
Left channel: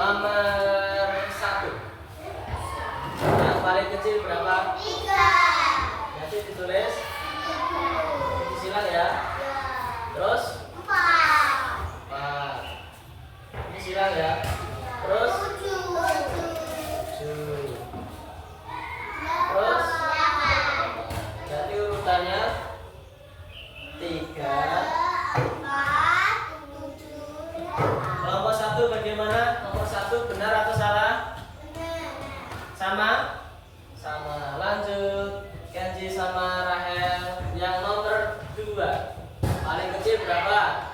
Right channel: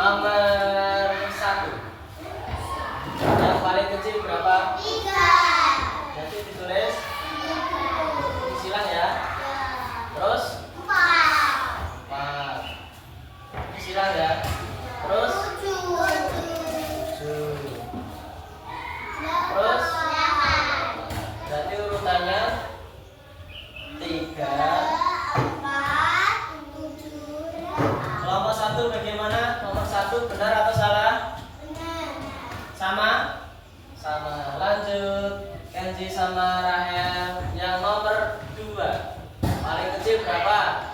nomor 1. Yang paling kecil berapa? 3. Nanti ditulis disilang ya. Terus 4. Ini silang ya. Terus 7. Terus berarti urutannya 3. Kelompok 1 bagaimana? Nomor 1 benar atau salah? Sama? Sama. Lanjut. Kenji sama Rahel. Yang nomor 2. Paling kecil berapa?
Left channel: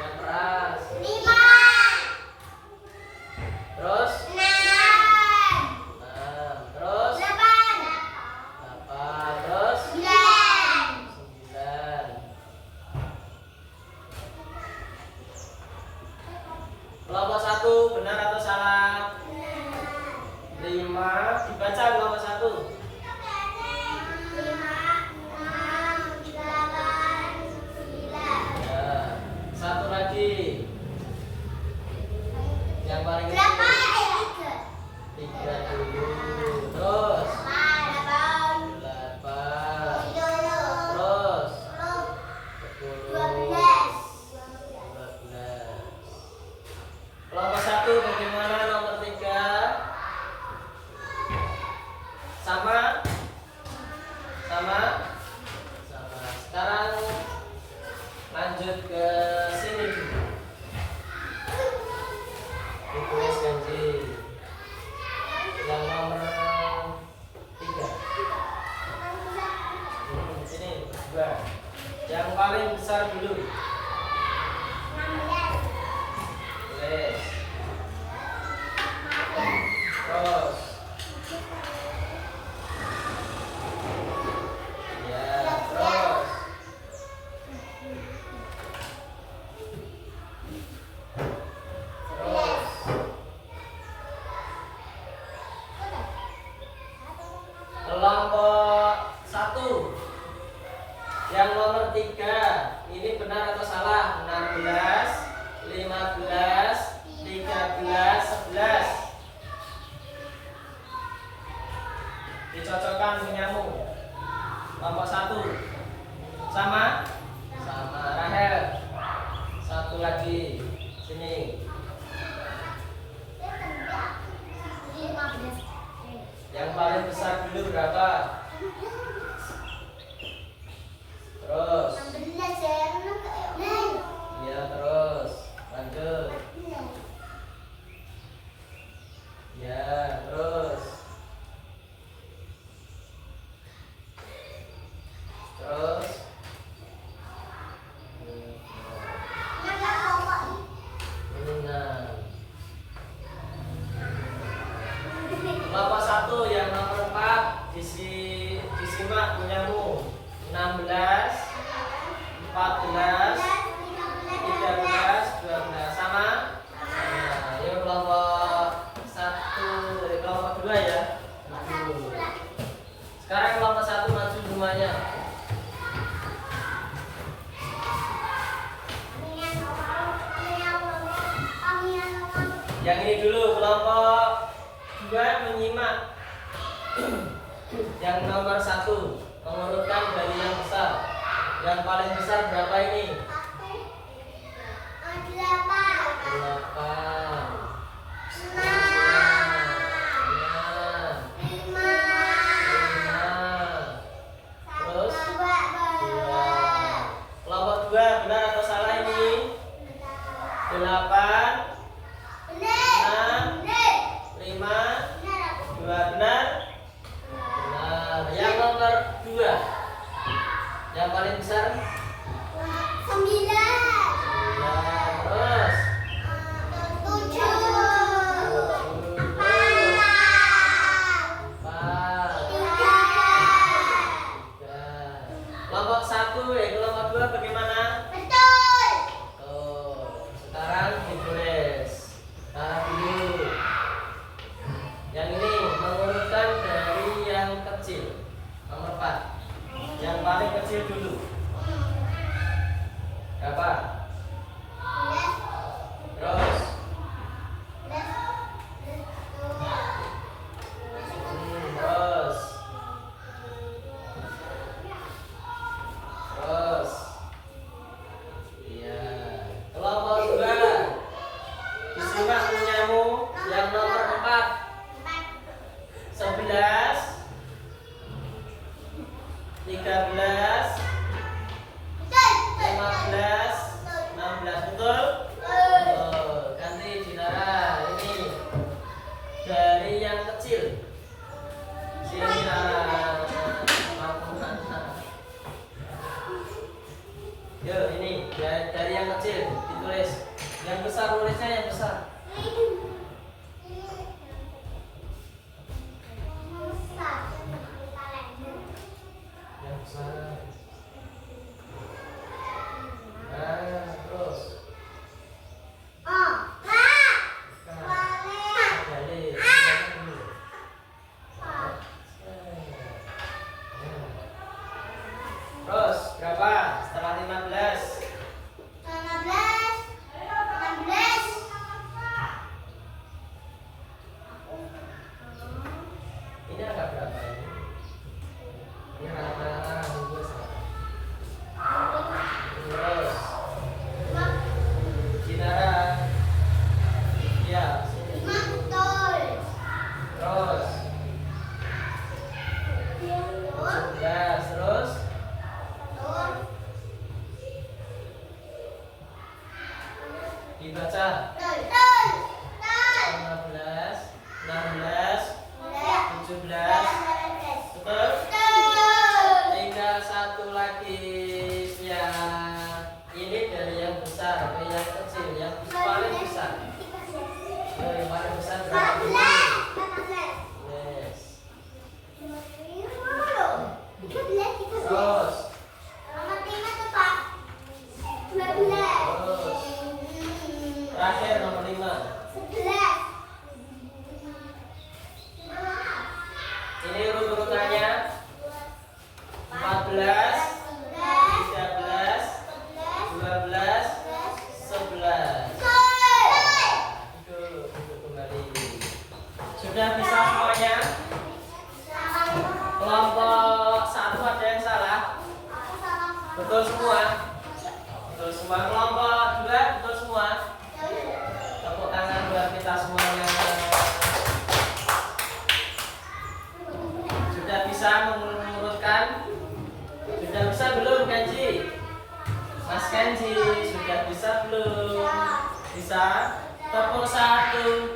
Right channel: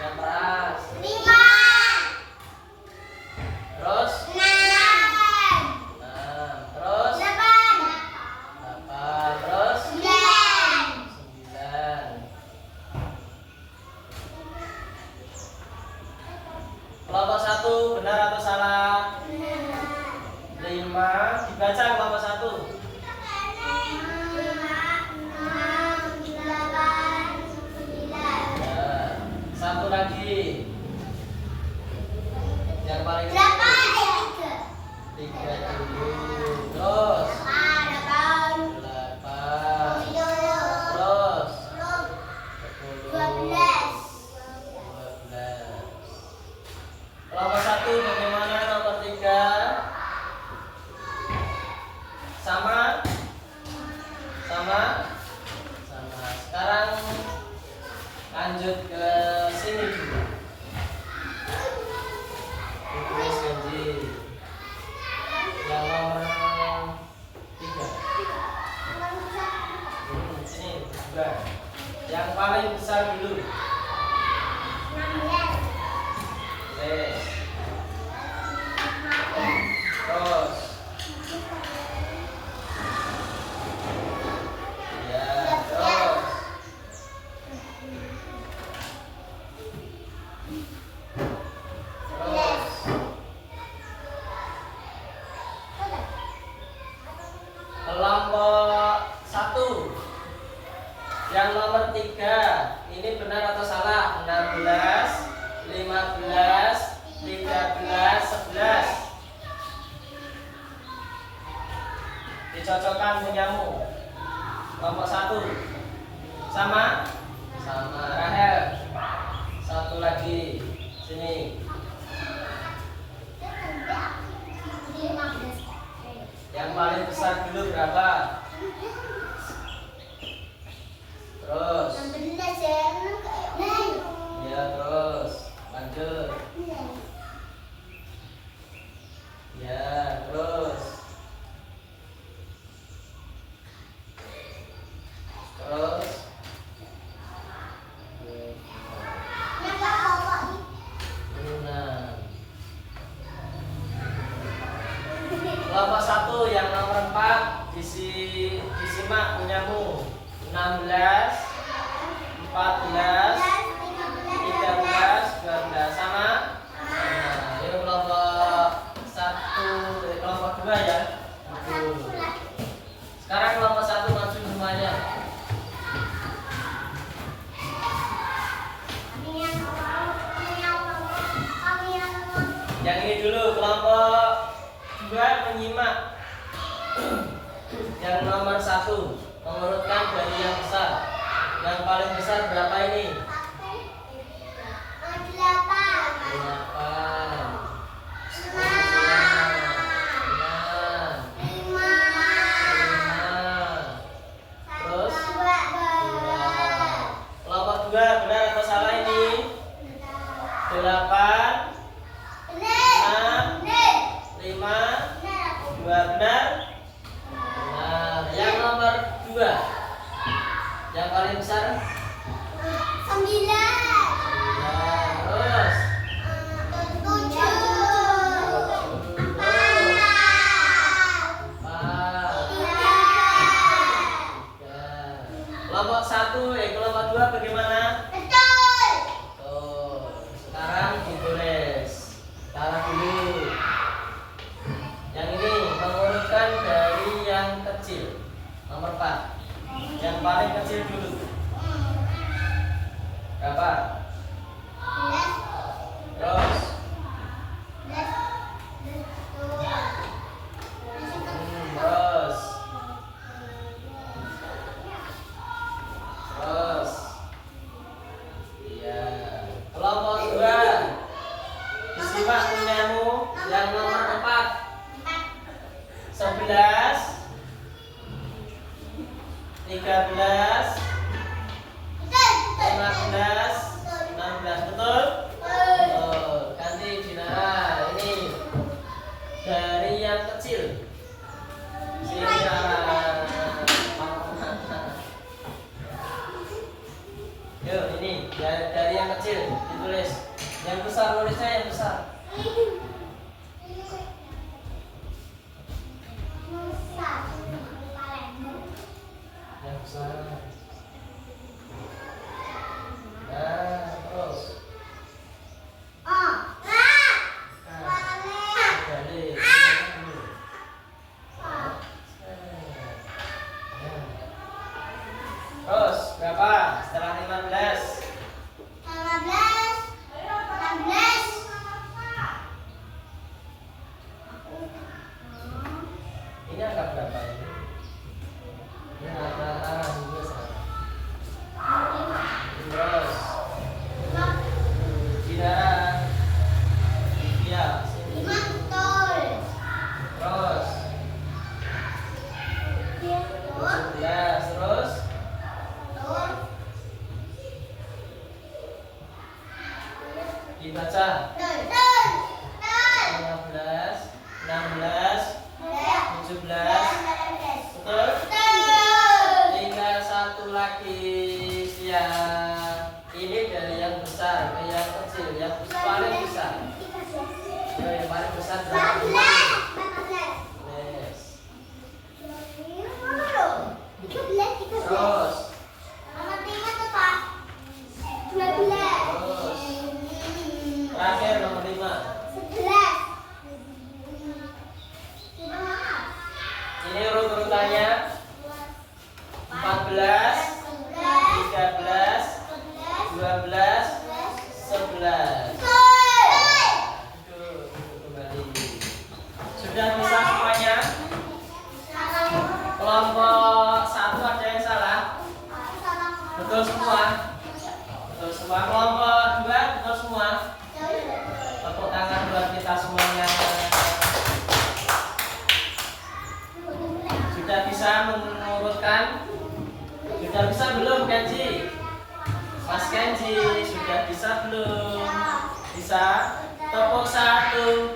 Yang keras. Terus 6. Terus 8. Terus 9. Kelompok 1 benar atau salah? 5. Dibaca kelompok 1. 1 lagi. Yang paling kecil 3 dulu. Terus 8. Terus 10. 12. Kelompok 1 bagaimana nomor 3? Sama? Sama? Sama. Sekarang lanjut ke sini juga. Ditulis Kenji. Yang nomor 3. Sini 2. Yang paling besar dulu. Tulis. Terus. Ya, terus. Terus. Kelompok 1. Yang nomor 3. Ini benar atau salah? 16, 15, 13, 11. Dicocokkan punyamu. Kelompok 1. Sama? Sama. Rahel. 1 lagi. Sini. Yang paling besar dulu berapa? Terus. Ya, terus. Lanjut. Ya, terus. Terus. Kelompok 1 yang nomor 4 disimak punyamu. 16, 14, 13, 12. Sama? Nah, ini kelompok 1, kelompok 2 ya. Maju. Sekarang kelompok 1 maju semuanya. Yang ini dulu, kelompok 2 menyimak. Yang nomor 1 mengurutkan dari yang besar. Yang paling besar berapa ini? 2 benar? Benar. Yang nomor 2. Yang paling besar? 9. Terus 7. kelompok 1, kelompok 2 bagaimana? Betul. Tuh, sekarang ditulis. Sekarang dulu. Yang ini mengurutkan dari yang kecil. Nomor 4. Yang paling kecil dulu. Yang besar nulisnya yang besar. Yang besar. Nah, terus. Jadi, terus berapa? Setelah 15. Ini angka berapa ini? Ini angka terus. Tidak. Ya, sini. Terus. 17 terus. Dibaca. 15, 16, 17. Betul? Tinggal satu lagi yang ini dari yang besar ke yang kecil, yang paling besar. Ya, yang paling besar berapa? Yes. Terus. Terakhir nomor 5. Ini urut-urutannya 14, 13, 12, 11. Duduk kembali. Sudah bisa semuanya? Kelompok 1 ada yang salah? Betul semua? Betul semua. Kelompok 2 betul semua? Tepuk tangan buat kita semuanya. Sudah bisa mengurutkan? Sudah bisa belum Kenji? Mas Kenji sudah bisa belum? Bisa? Tepuk 1,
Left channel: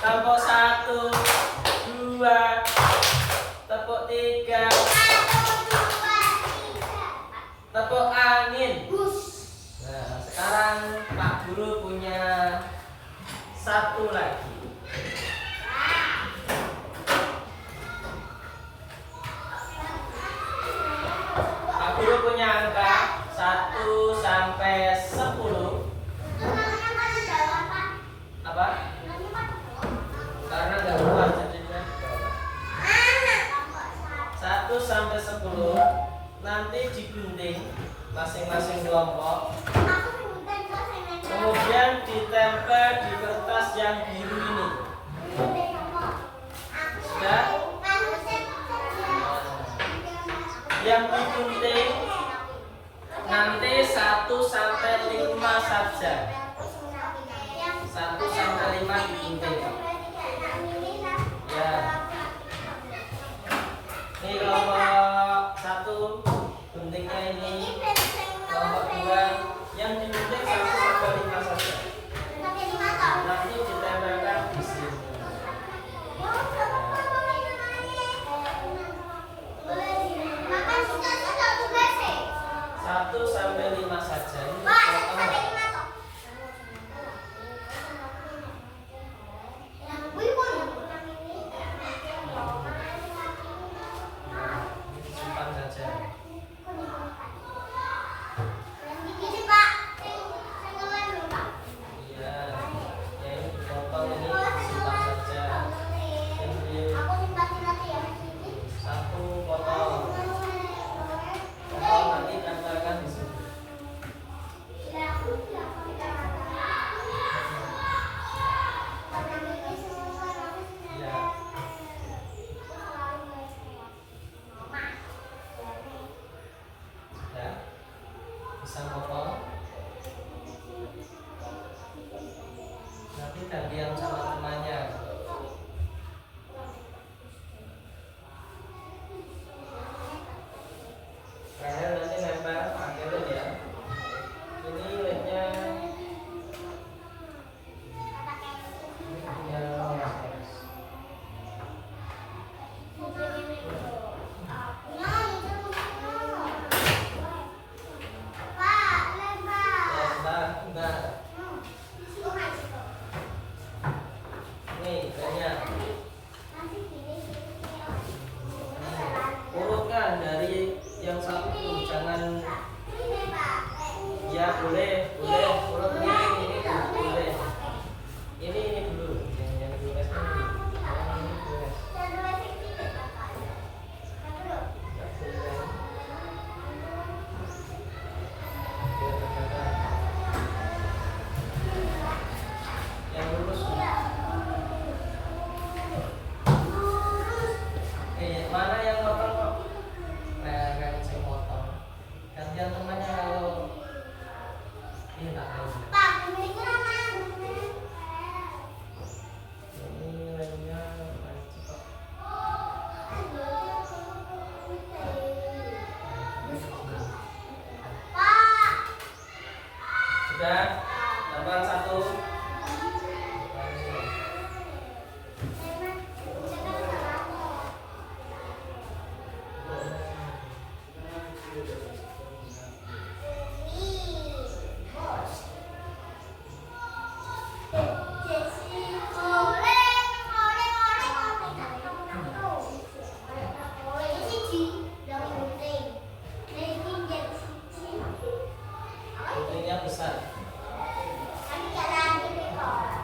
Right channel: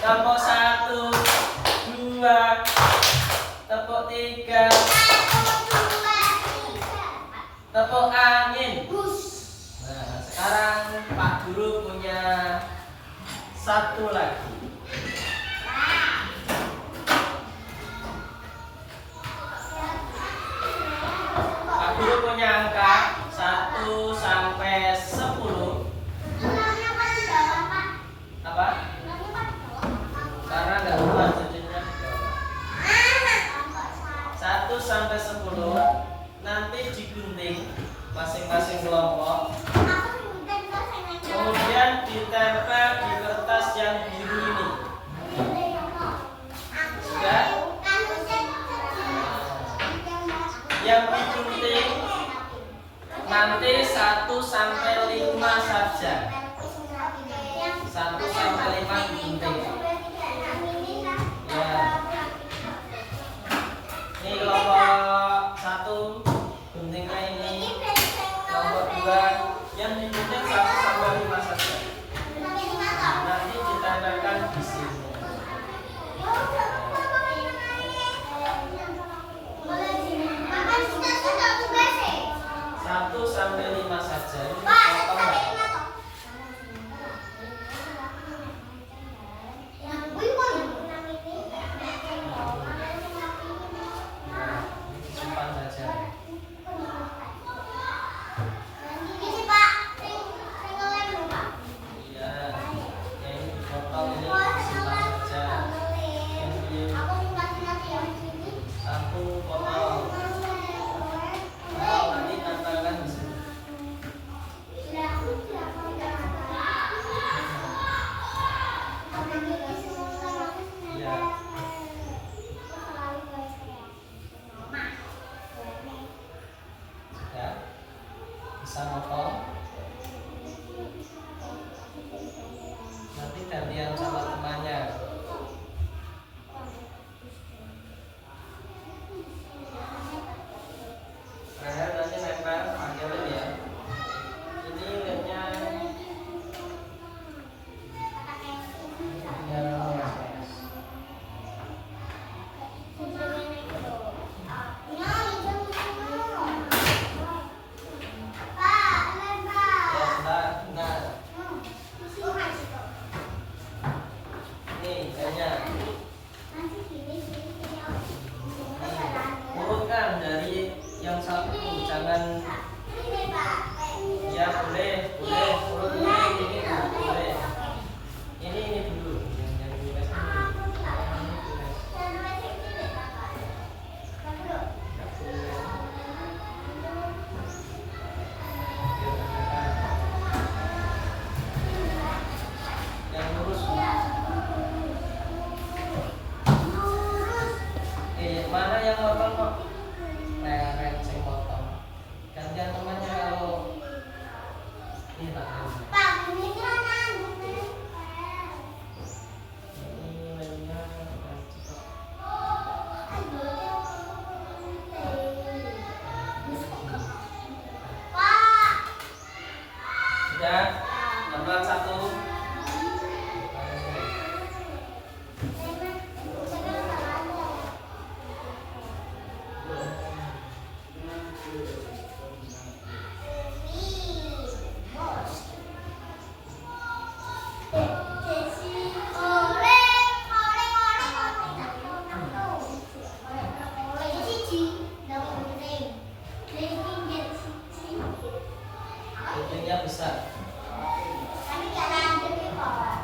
tepuk 1, 2, tepuk 3, tepuk angin. Nah, sekarang Pak Guru punya satu lagi. Pak Guru punya angka 1 sampai 10. Apa? Karena nggak keluar jadinya. 1 sampai 10 nanti digunting masing-masing kelompok. Kemudian ditempel di kertas yang biru ini. Sudah? Yang digunting nanti 1 sampai 5 saja. 1 sampai 5 digunting. Ya. Ini kelompok 1 guntingnya ini. Kelompok 2 yang digunting 1 sampai 5 saja. Nanti ditempelkan di sini. 1 sampai 5 saja. Ini potong. Tambah satu. Buktinya besar. Tapi jangan gede kok.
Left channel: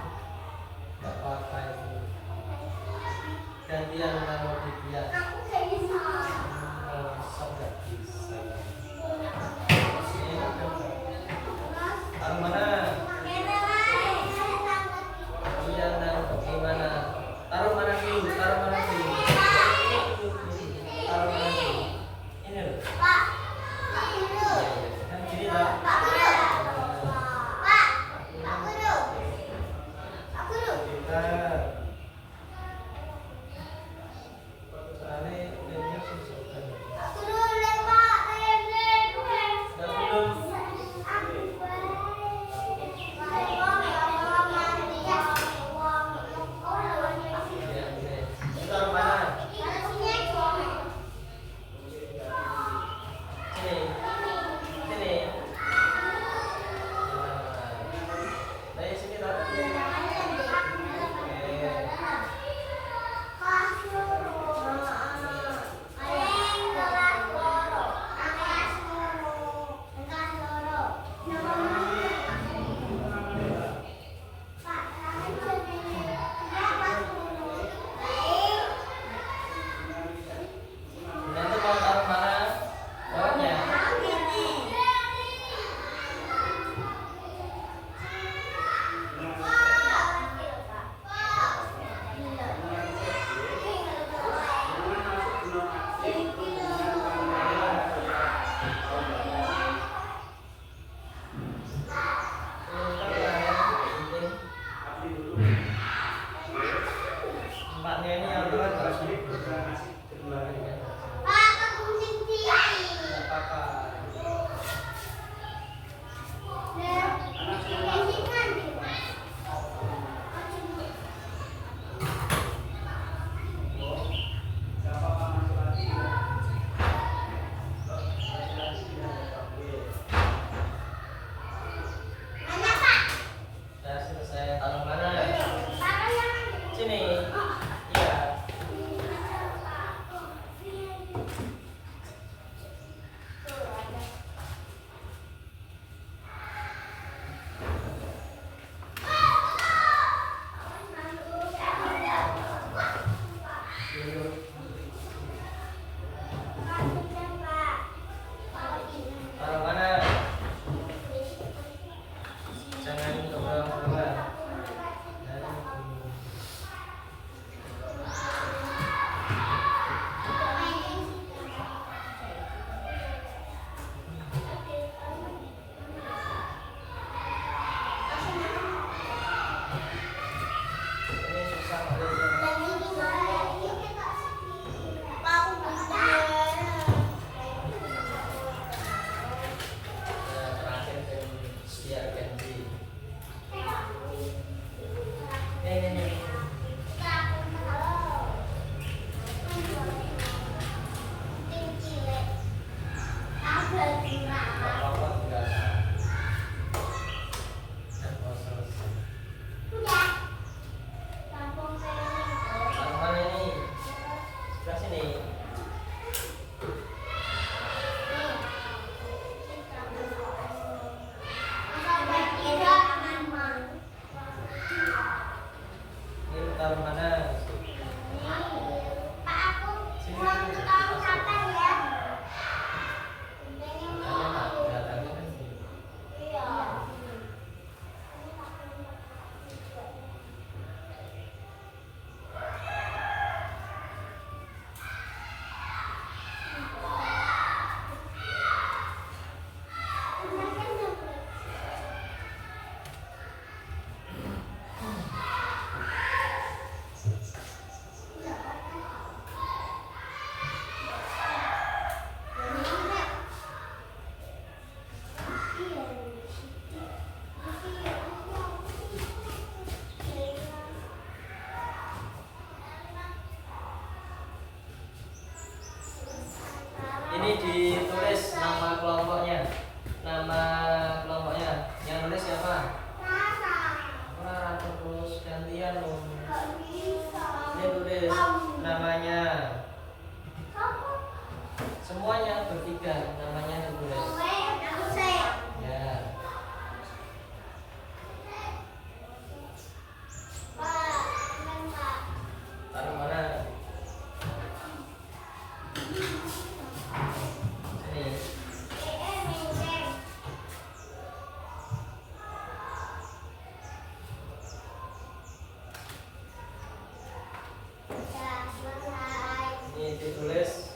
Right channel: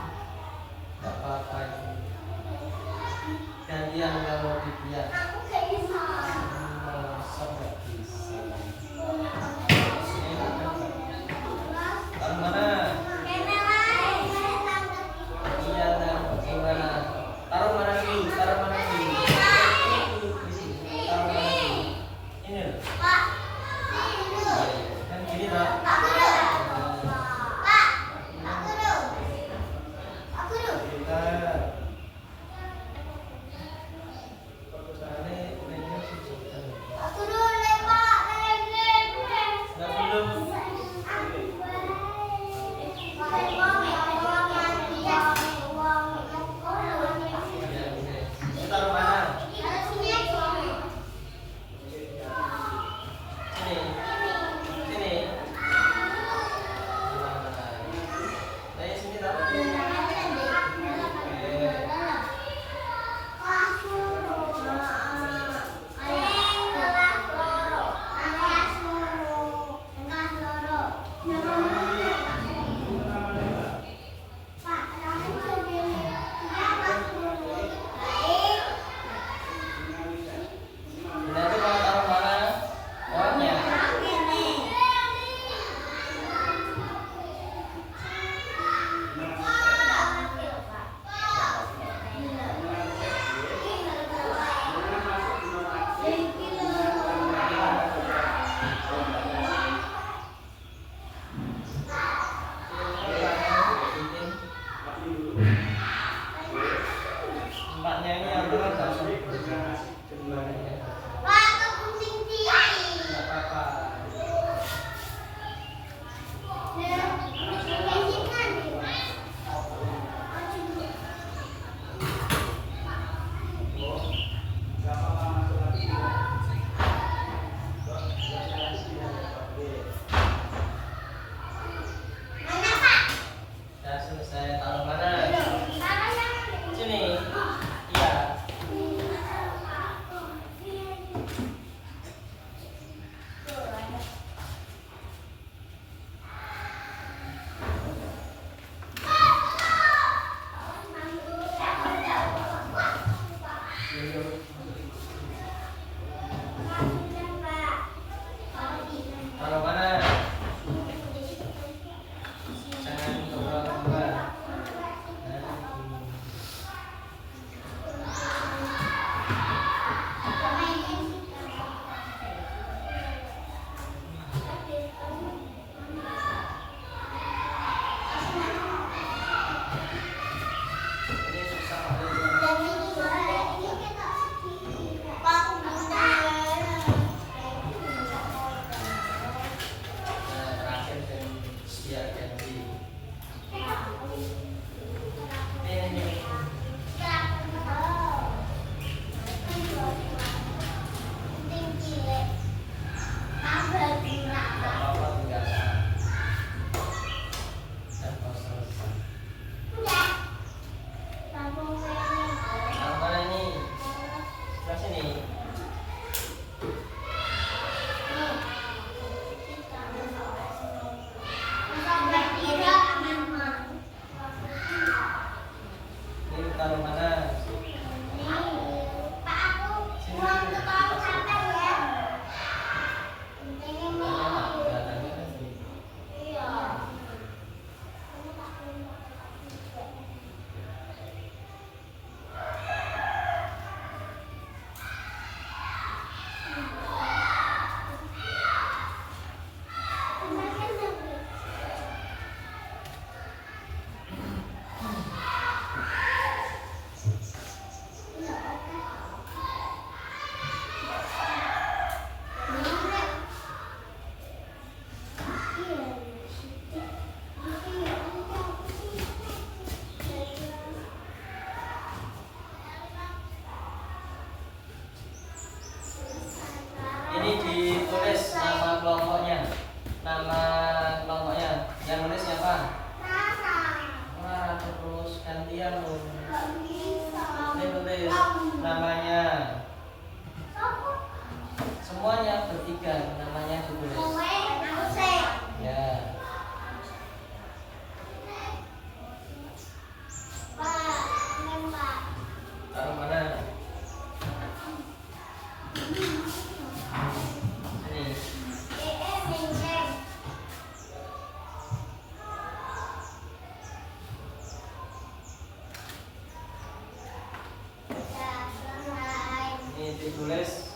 ditulis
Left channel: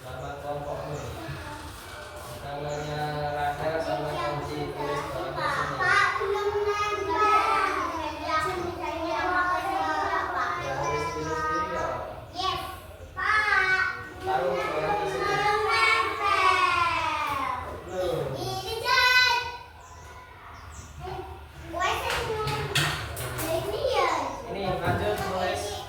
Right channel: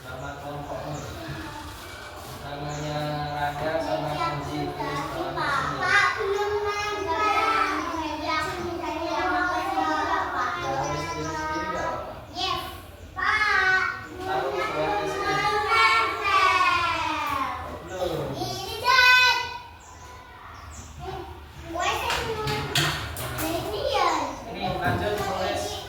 nama kelompokmu. Namanya Rahel sama Kenzi tulis bawahnya sini. Tulis sendiri ya. Taruh bawahnya sini. Belum. Ini lanjut tulis.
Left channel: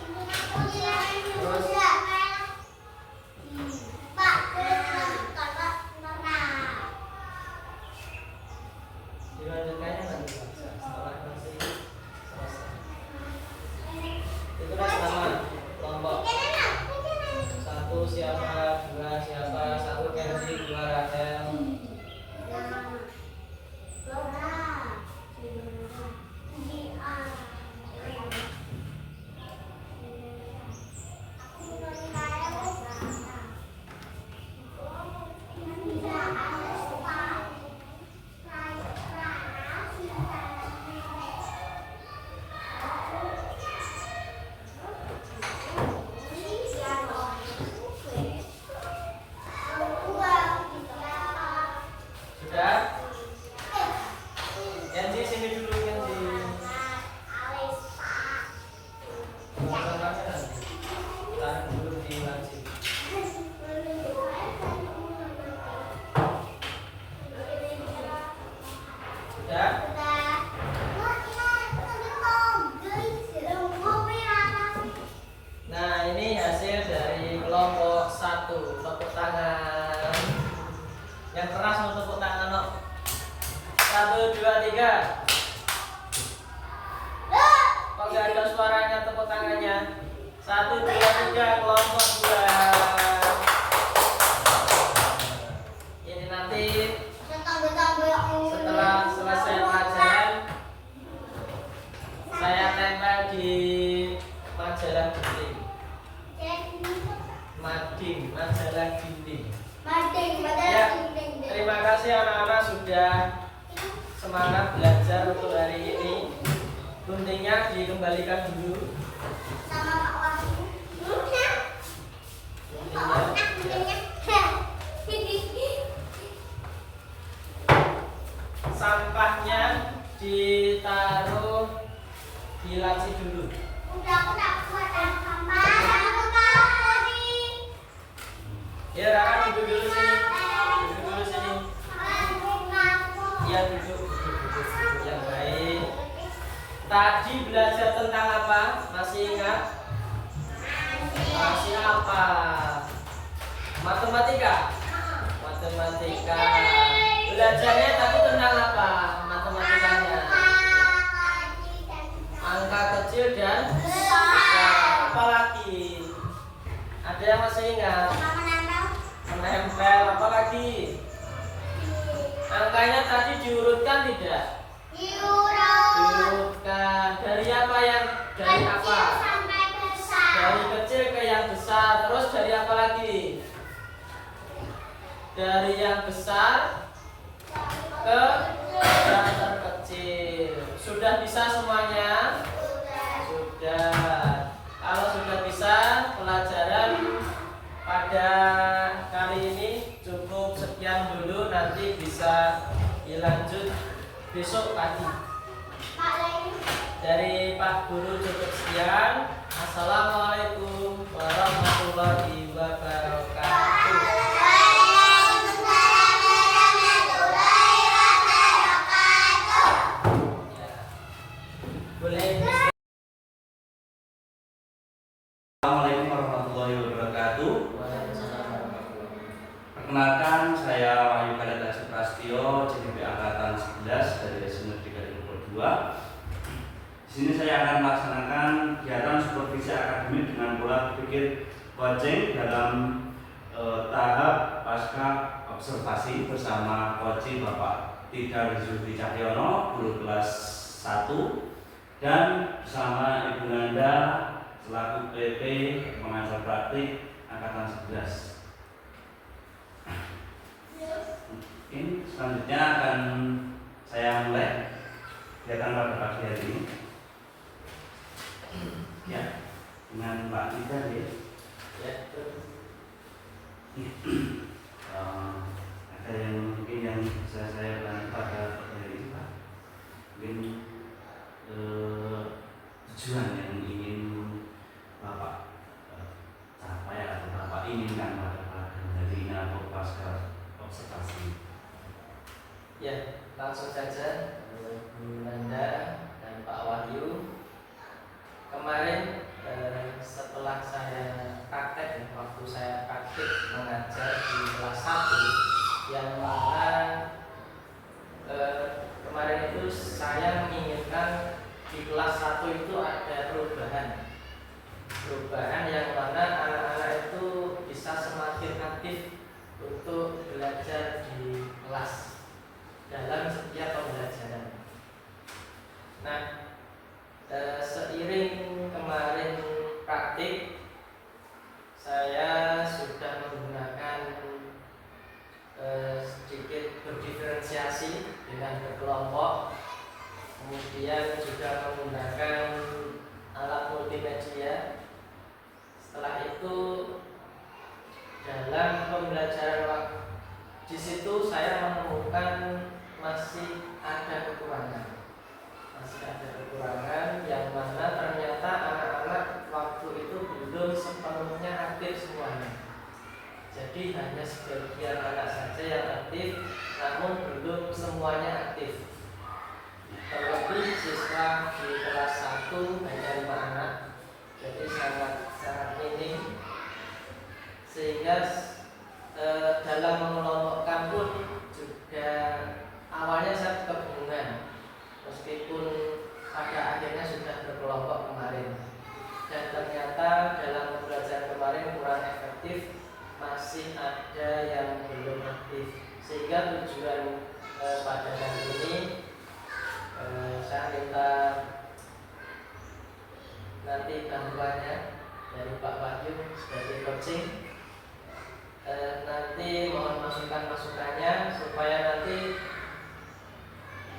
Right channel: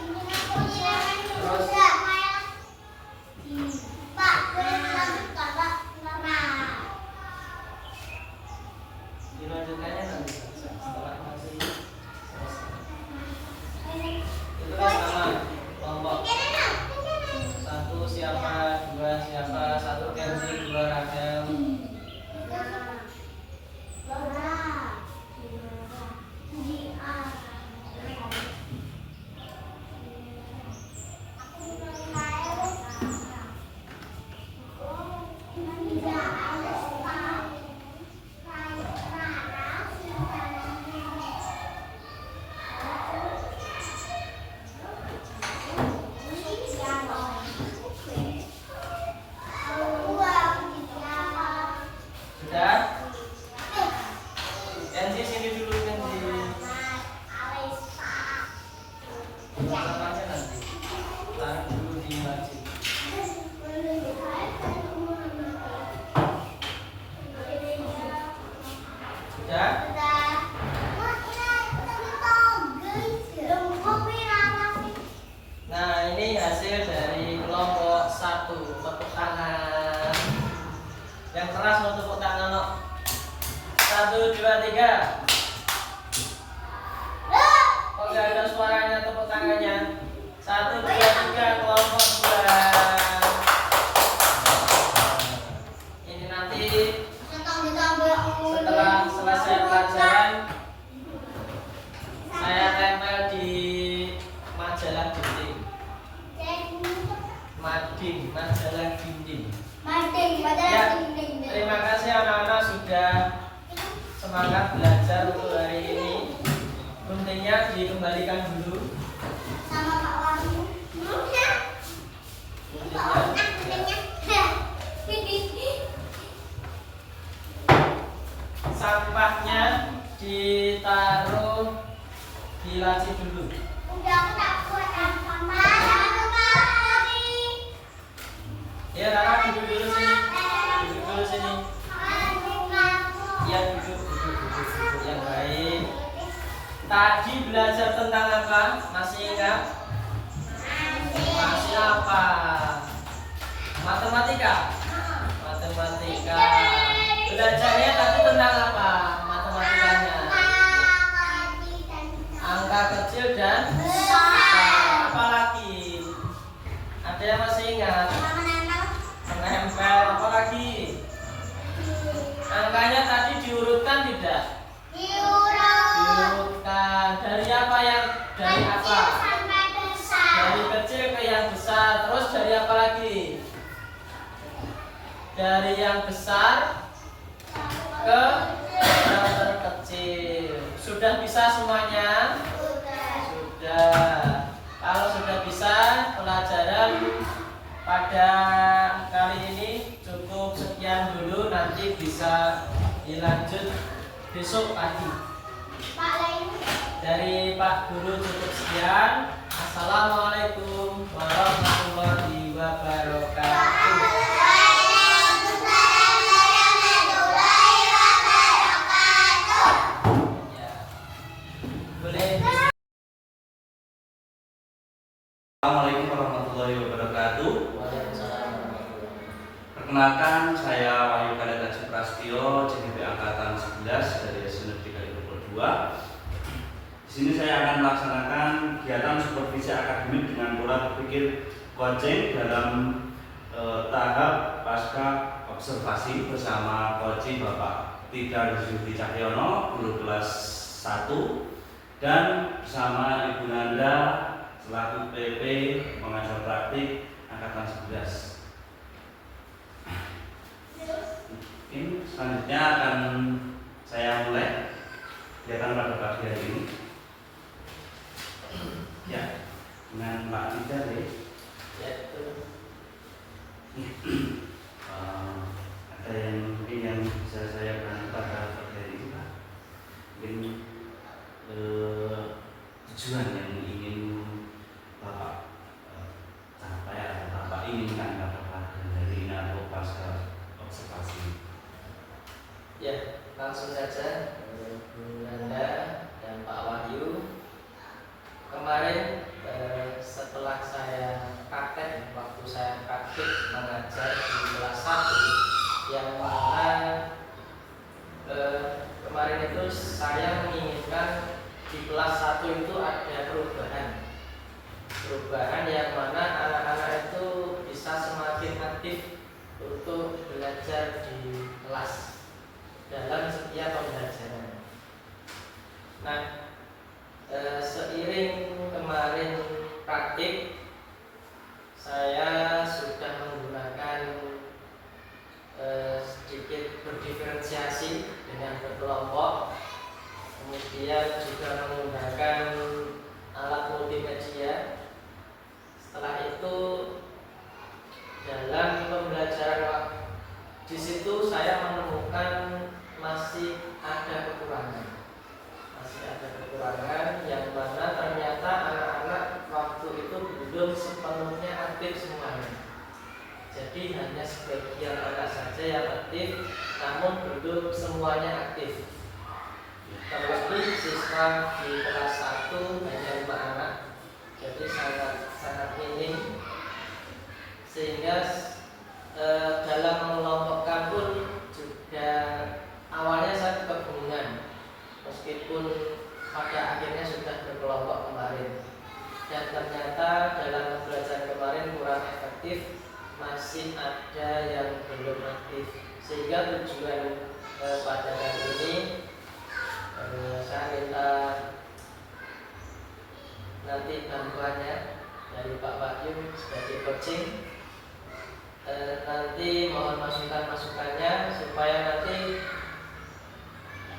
Dilanjutkannya nanti saja setelah masih selesai. Ditulis nama kelompok. 1 siapa, 2 siapa, 1 Kenzi, 2 Rahel. Sudah? Kenzi sini dulu Kenzi. Sampahnya nanti. Taruh dulu di laci. Sudah? Nah, ini hasil dari kelompok 1. Tepuk tangan. Yang keras mau tepuk tangan, no. 1, 2, 3. Kok gak ada suaranya tepuk tangannya? 1, 2, 3 kelompok 2. Ini nanti setelah selesai pelajaran saya tempel di majalah dinding. Majalah dinding. Ya, terima kasih anak-anak sudah semangat belajar untuk hari ini. Guntingnya dikembalikan dulu. Guntingnya, sampahnya ditaruh di laci dulu. Ya, Rara duduk dulu sini. Duduk dulu sini. Ya, duduk yang baik. Tadi belajar tentang apa? Masih ingat? Masih apa? Matematika. Matematika. Belajarnya tadi tentang apa? Matematikanya. Angka kecil dan besar. Apa lagi? Ada yang masih ingat? Menempel. Apa lagi? Angkanya tadi diurutkan tidak? Diurutkan. Dari apa yang dari apa? Dari kecil ke yang besar. Terus dari apa lagi? Dari yang besar ke yang terkecil. Sudah bisa semuanya? Sudah. Kalau sudah bisa, pelajaran pada kali ini cukup sekian dulu. Nanti bisa dilanjut besok pagi. Dari Pak Guru cukup sekian. Assalamualaikum warahmatullahi wabarakatuh. Ya. Boleh. Assalamualaikum warahmatullahi wabarakatuh. Waalaikumsalam warahmatullahi wabarakatuh. Perkenalkan, saya Wahyu Kadek Prasetyo, CDP Angkatan 11 dari SNP 32. Di sini saya akan melaksanakan kegiatan supervisi akademik dengan pola berpikir coaching dalam tahap pasca observasi bersama coach Bapak Tidar Zulfi Cahyono, guru kelas 1, dan bersama Ibu Nanda selaku PP pengajar praktik Angkatan 11. Ini selanjutnya akan saya mulai kegiatan pada pagi hari ini. Ya, dengan Pak Tidar ya. Ya, betul. Ada yang mungkin yang bisa saya bantu pada materi itu Pak, mungkin tujuan yang ingin Bapak capai atau Bapak inginkan pada hari ini atau pasca observasi. Ya, langsung saja Bu Nanda dan Pak Wahyu. Kemarin setelah saya praktek, waktu saya praktik mengajar di kelas 1, yang mana kemarin itu saya menginginkan di kelas 1 itu ada perubahan yang mana anak-anak itu bisa semakin aktif untuk belajar di kelas dalam setiap pembelajaran. Nah, seiring kemarin praktik, saya sudah menggunakan sedikit berdiferensiasi dengan berkelompok, kemudian juga menggunakan alat multimedia. Setelah itu dalam pembelajaran di situ saya menemukan masih ada kekurangan yang mana ternyata anak-anak waktu itu belum sepenuhnya aktif semuanya. Jadi hanya sebagian anak saja yang aktif, namun belum semuanya aktif. Terlebih siswa di kelas 1 hanya 5 anak, jadi sangat minim, sehingga dalam mengelompokkan pun juga awalnya saya kebingungan, meskipun pada akhirnya sudah berkelompok kemarin, dan ternyata dalam pembelajaran kemarin kurang efektif, masih ada yang belum aktif, sehingga tujuan pada kali ini saya minta nanti bantuannya dari Pak Wahyu sebagai coaching. Nanti mohon masukannya supaya nanti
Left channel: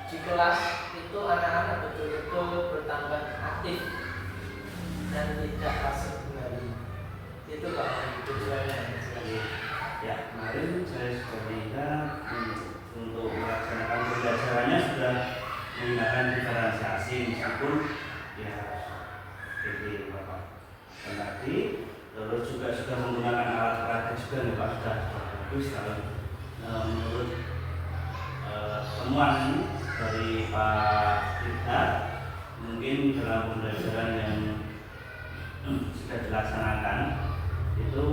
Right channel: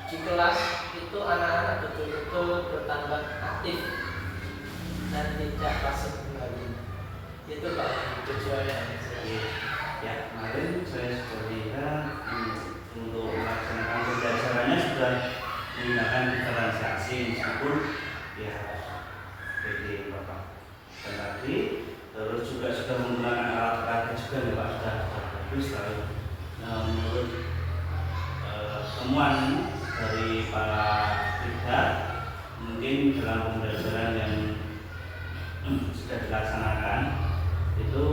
di kelas itu anak-anak betul-betul bertambah aktif dan tidak pasif kembali. Itu Pak tujuannya. Ya, kemarin saya sudah lihat untuk melaksanakan pembelajarannya sudah menggunakan diferensiasi, meskipun ya seperti Bapak dan tadi, terus juga sudah menggunakan alat peraga juga ya Pak, sudah bagus kalau menurut temuan dari Pak Ida, mungkin dalam pembelajaran yang sudah dilaksanakan itu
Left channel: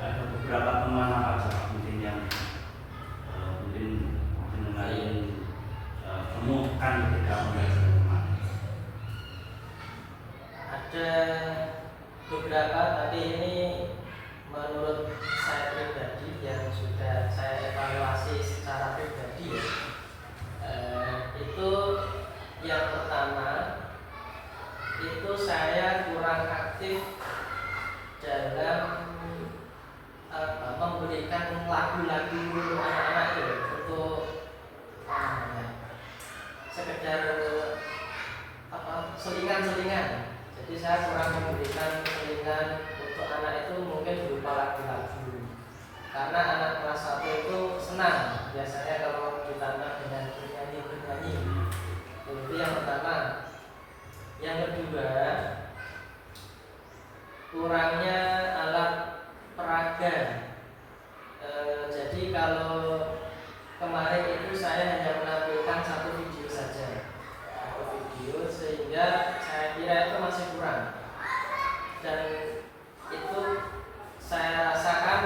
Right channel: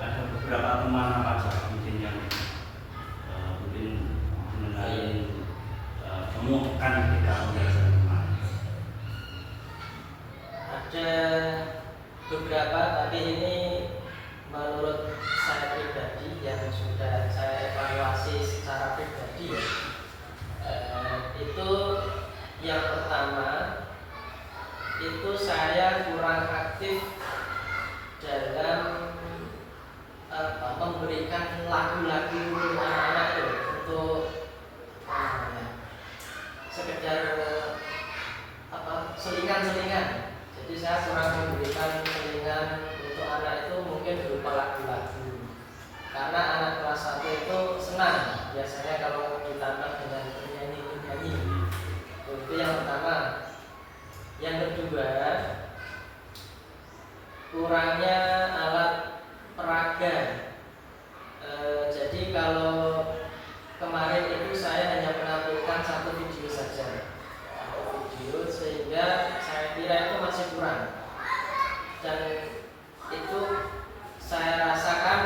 ada beberapa teman apa saja mungkin yang mungkin mengenai temukan ketika pembelajaran kemarin. Ada beberapa, tapi ini menurut saya pribadi yang sudah saya evaluasi secara pribadi ya. Itu yang pertama, itu saya kurang aktif dalam memberikan lagu-lagu anak-anak itu untuk sekedar selingan-selingan. Jadi saya kurang memberikan selingan untuk anak itu mungkin berupa lagu-lagu, karena anak kelas 1 itu senang biasanya kalau ditambah dengan bernyanyi. Itu yang pertama. Yang kedua, kurangnya alat peraga. Jadi kalau kemarin itu saya hanya menampilkan satu video saja, sehingga saya kira itu masih kurang, dan itu saya rasakan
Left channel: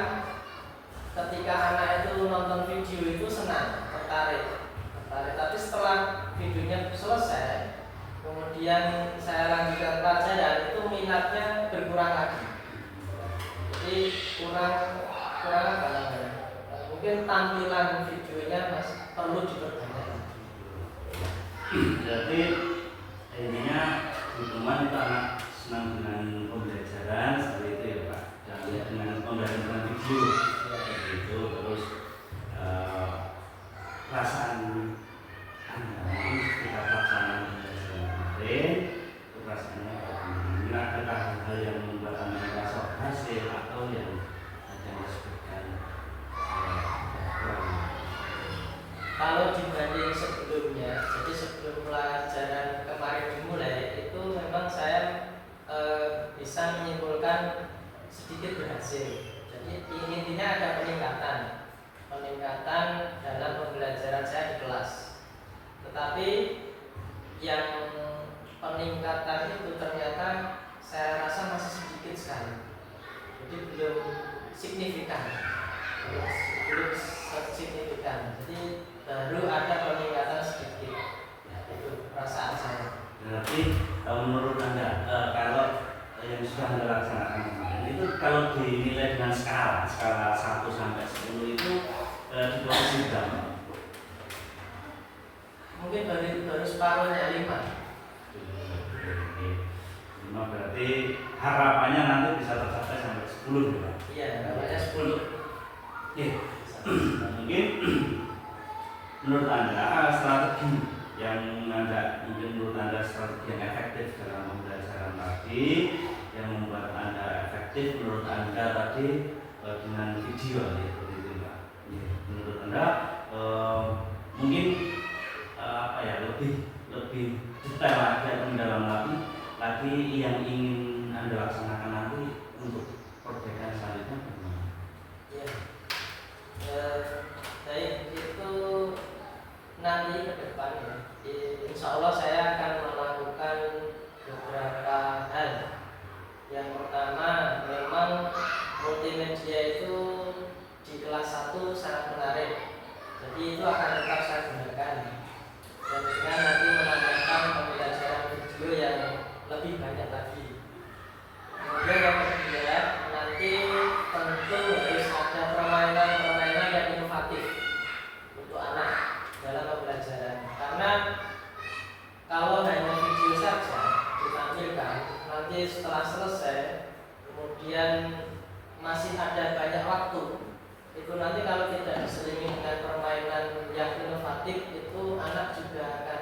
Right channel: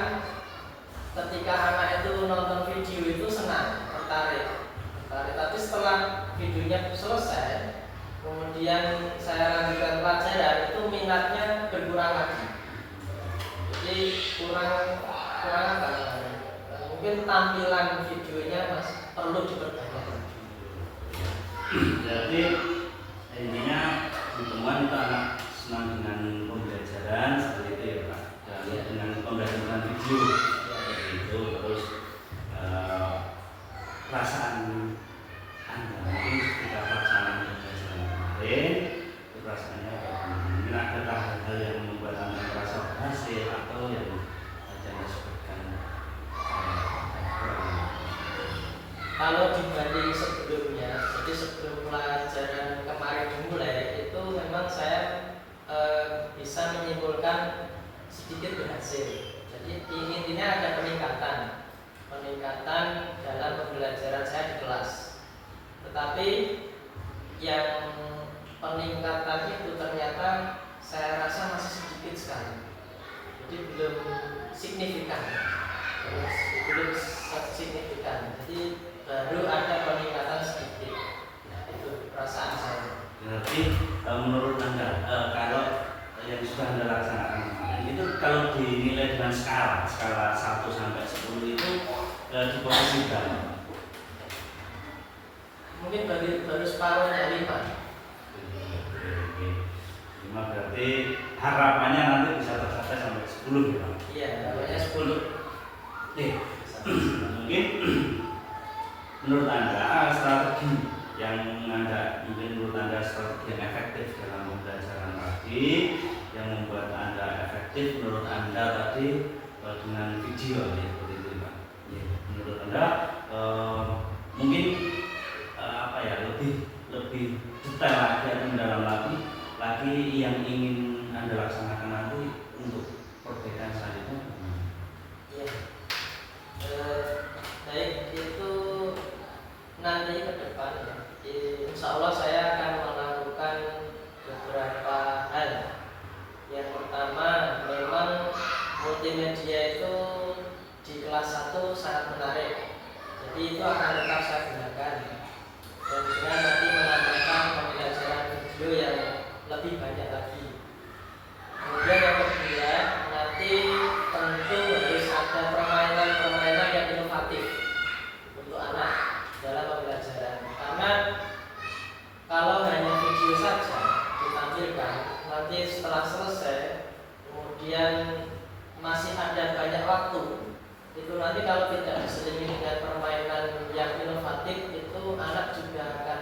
ketika anak itu nonton video itu senang, tertarik. Tapi setelah videonya selesai, kemudian saya lanjutkan pelajaran, itu minatnya berkurang lagi. Jadi kurang apa namanya? Mungkin tampilan videonya masih perlu diperbanyak lagi. Jadi intinya teman itu anak senang dengan pembelajaran seperti itu ya Pak, dan dengan pembelajaran video seperti itu. Terus perasaan Anda mungkin ketika pelaksanaan pembelajaran kemarin itu perasaannya bagaimana? Mungkin ada hal-hal yang membuat Anda merasa berhasil memang saya bisa menyimpulkan sedikit berhasil. Jadi intinya ada peningkatan dalam pembelajaran saya di kelas. Tetapi yang peningkatan itu ternyata saya rasa masih sedikit sekali. Jadi belum signifikan. Jadi baru ada peningkatan sedikit. Itu perasaan saya. Berarti menurut Anda kalau yang sudah Anda laksanakan kemarin itu kalau dinilai dengan skala 1 sampai 10 itu di posisi berapa? Mungkin baru separuhnya 5. 5 berarti harapannya nanti bisa tercapai sampai 10 ya? Iya, harapannya 10. Oke. Mungkin menurut Anda strategi yang menurut Anda strategi yang efektif dalam pembelajaran tadi yang membuat Anda efektif menurut Anda tadi dengan video ya seperti itu Pak. Ya, menurut Anda mungkin apa ya lebih detail lagi atau mendalam lagi yang ingin Anda laksanakan nanti untuk perbaikan selanjutnya bagaimana? Iya. Baik, itu nanti ke depan ya. Insya Allah saya akan melakukan beberapa hal. Yang pertama, memang multimedia itu di kelas 1 sangat menarik. Jadi itu akan tetap saya gunakan. Dan dengan nanti menambahkan pembelajaran video yang lebih banyak lagi. Kemudian yang kedua, nanti tentu harus ada permainan-permainan yang inovatif untuk anak dalam pembelajaran. Karena kalau hanya video saja ditampilkan, nanti setelah selesai, kemudian masih ada banyak waktu, itu nanti kalau tidak diselingi dengan permainan yang inovatif, itu anak juga akan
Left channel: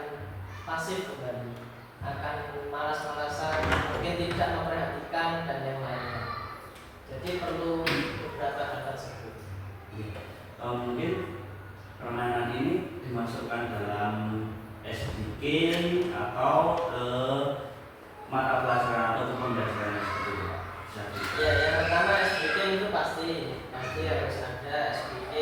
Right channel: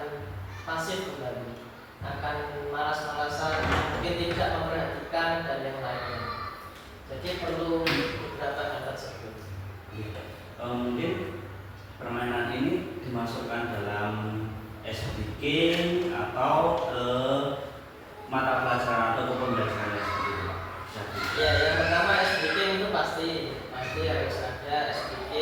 pasif kembali, akan malas-malasan, mungkin tidak memperhatikan dan yang lainnya. Jadi perlu beberapa hal tersebut. Mungkin permainan ini dimasukkan dalam SBK atau mata pelajaran atau pembelajaran seperti itu Pak? Ya, yang pertama SBK itu pasti harus ada SBK.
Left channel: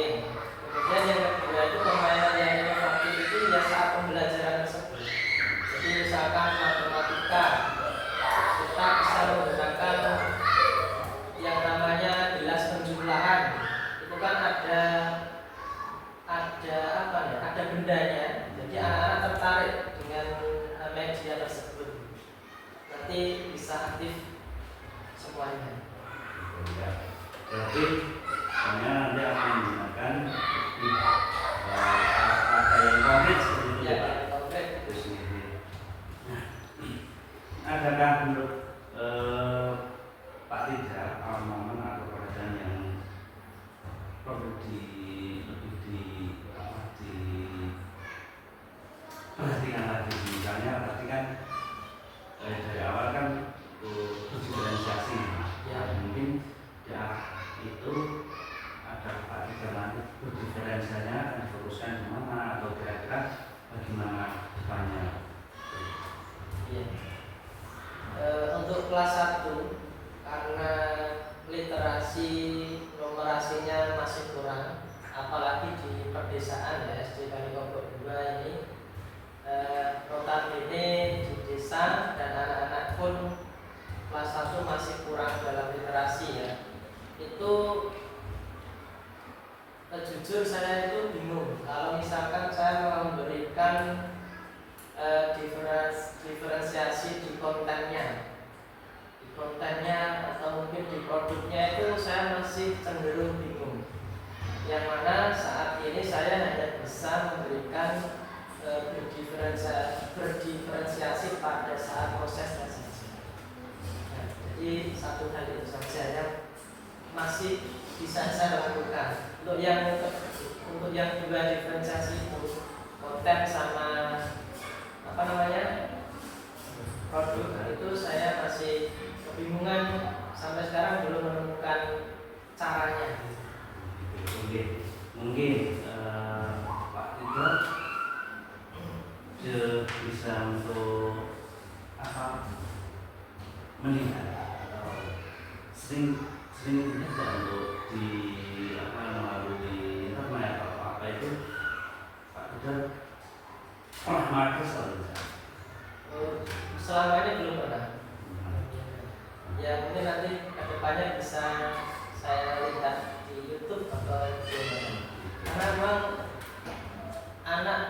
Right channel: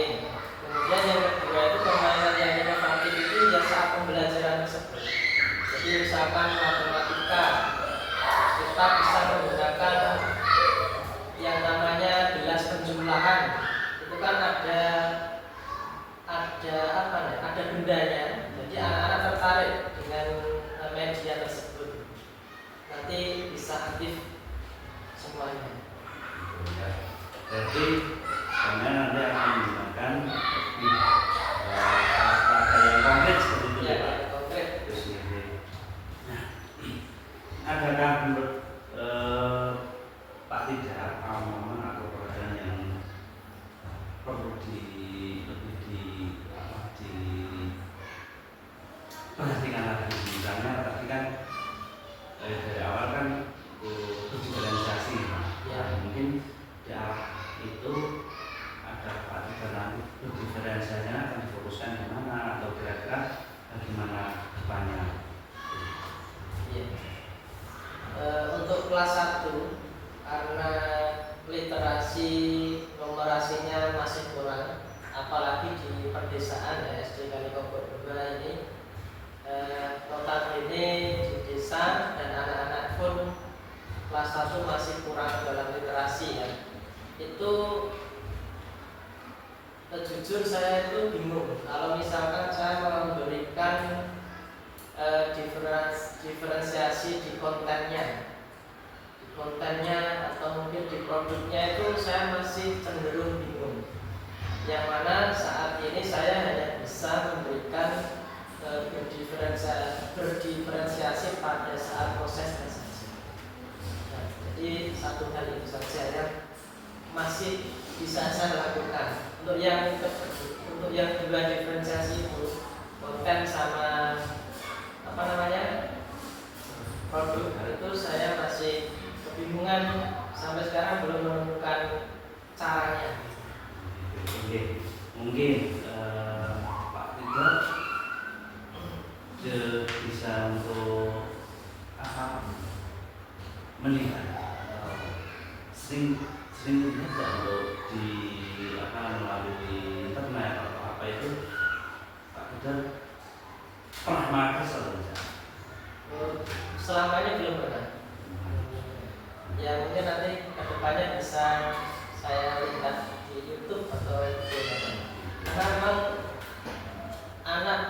Kemudian yang kedua itu permainan yang inovatif itu ya saat pembelajaran tersebut. Jadi misalkan matematika, kita bisa menggunakan yang namanya gelas penjumlahan. Itu kan ada apa ya? Ada bendanya. Jadi anak-anak tertarik dengan media tersebut. Nanti bisa aktif semuanya. Jadi kami nanti akan menggunakan kata yang konkret seperti itu Ya, Pak. konkret. Nah, adakah menurut Pak Tija momen atau pekerjaan yang perlu perhatikan lagi? Misalnya tadi kan dari awal kan diferensiasi, mungkin di arah itu ada Pak Tija nanti diferensiasinya akan difokuskan di mana atau kira-kira bagaimana depannya? Iya. Untuk kelas 1 karena literasi numerasinya masih kurang, apalagi di pedesaan ya, SD Kalikobok 2 ini notabene di desa dan anak-anak pun kelas 1 masih kurang dalam literasi ya. Itu jujur saya itu bingung kalau misalkan saya memberikan diferensiasi di kontennya atau mungkin di produknya, itu saya masih cenderung bingung. Yang mana saat ini saya hanya bisa memberikan berdiferensiasi pada saat prosesnya saja. Nah, jadi satu hal itu saja yang masih bisa saya lakukan. Untuk yang dua diferensiasi itu konten sama produk, itu saya masih kebingungan, sampai sekarang belum menemukan caranya. Mungkin Pak Tija bisa untuk melihat sering lihat nggak untuk di melalui internet atau apa itu Pak Peter pernah makan atau tidak? Selama ini belum pernah. Ya mungkin nanti kedepannya bisa saya lihat di YouTube atau di mana. Karena memang anak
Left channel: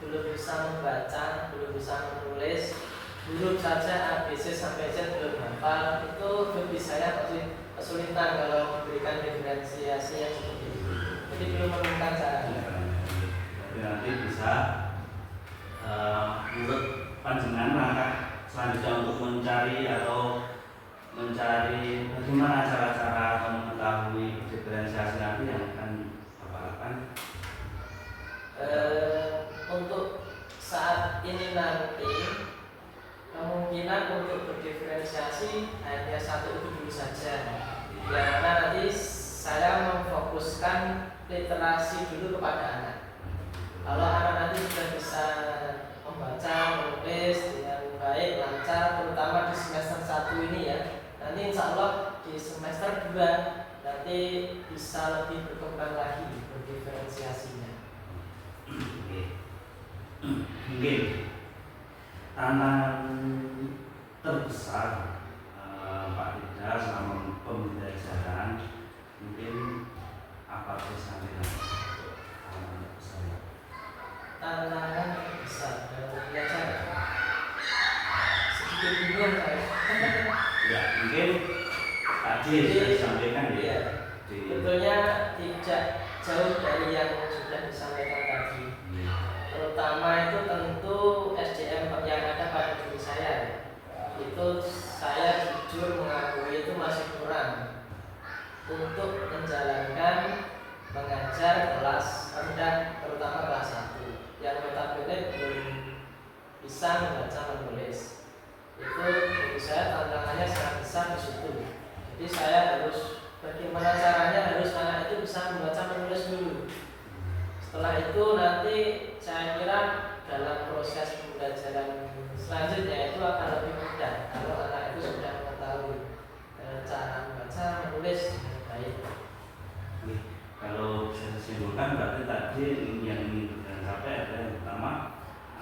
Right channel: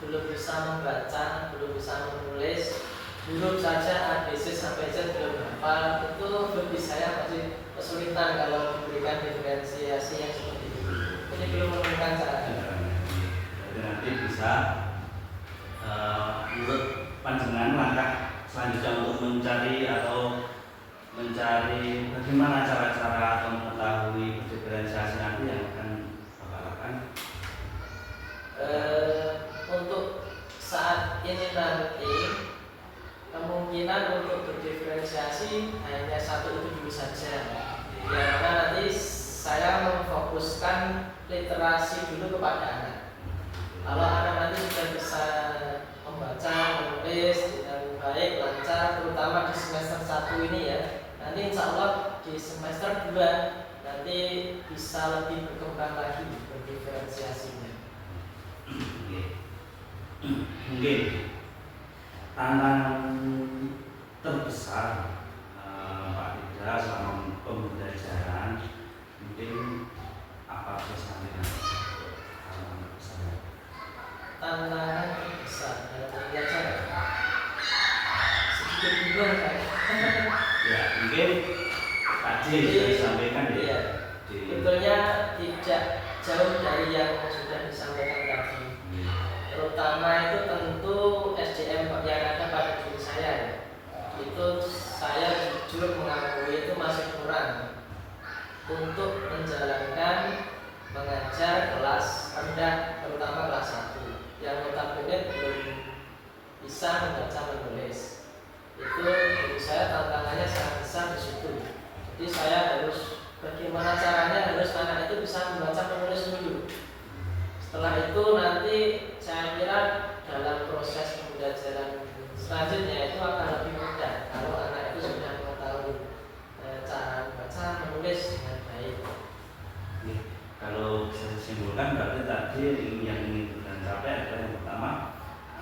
belum bisa membaca, belum bisa menulis, belum saja ABC sampai Z belum hafal, itu lebih saya masih kesulitan kalau memberikan diferensiasi yang seperti itu. Jadi belum menemukan cara. Jadi nanti bisa menurut panjenengan langkah selanjutnya untuk mencari bagaimana cara-cara atau mengetahui diferensiasi nanti yang akan Bapak lakukan. Untuk saat ini nanti kemungkinan untuk berdiferensiasi hanya satu itu dulu saja, yang mana nanti saya memfokuskan literasi dulu kepada anak. Kalau anak nanti sudah bisa membaca, menulis dengan baik, lancar, terutama di semester 1 ini ya, nanti insya Allah di semester 2 nanti bisa lebih berkembang lagi berdiferensiasinya. Mungkin tantangan terbesar Pak Ida selama pembelajaran mungkin apa kesampaian tantangan terbesar? Tantangan terbesar dalam belajar sedikit bingung saya. Ya mungkin tadi sudah disampaikan ya. Sebetulnya tidak jauh dari yang sudah disampaikan tadi. Terutama itu tentu SDM yang ada pada diri saya. Itu saya jujur mengakui itu masih kurang untuk menjalankan mengajar kelas rendah, terutama kelas 1 yang notabene belum bisa membaca menulis. Itu bagi saya tantangannya sangat besar di situ. Jadi saya harus bagaimana caranya harus anak itu bisa membaca menulis dulu. Setelah itu nanti saya kira dalam proses pembelajaran selanjutnya itu akan lebih mudah kalau anak itu sudah mengetahui cara membaca menulis dengan baik. Kalau saya simpulkan berarti tadi yang ingin kita capai adalah yang pertama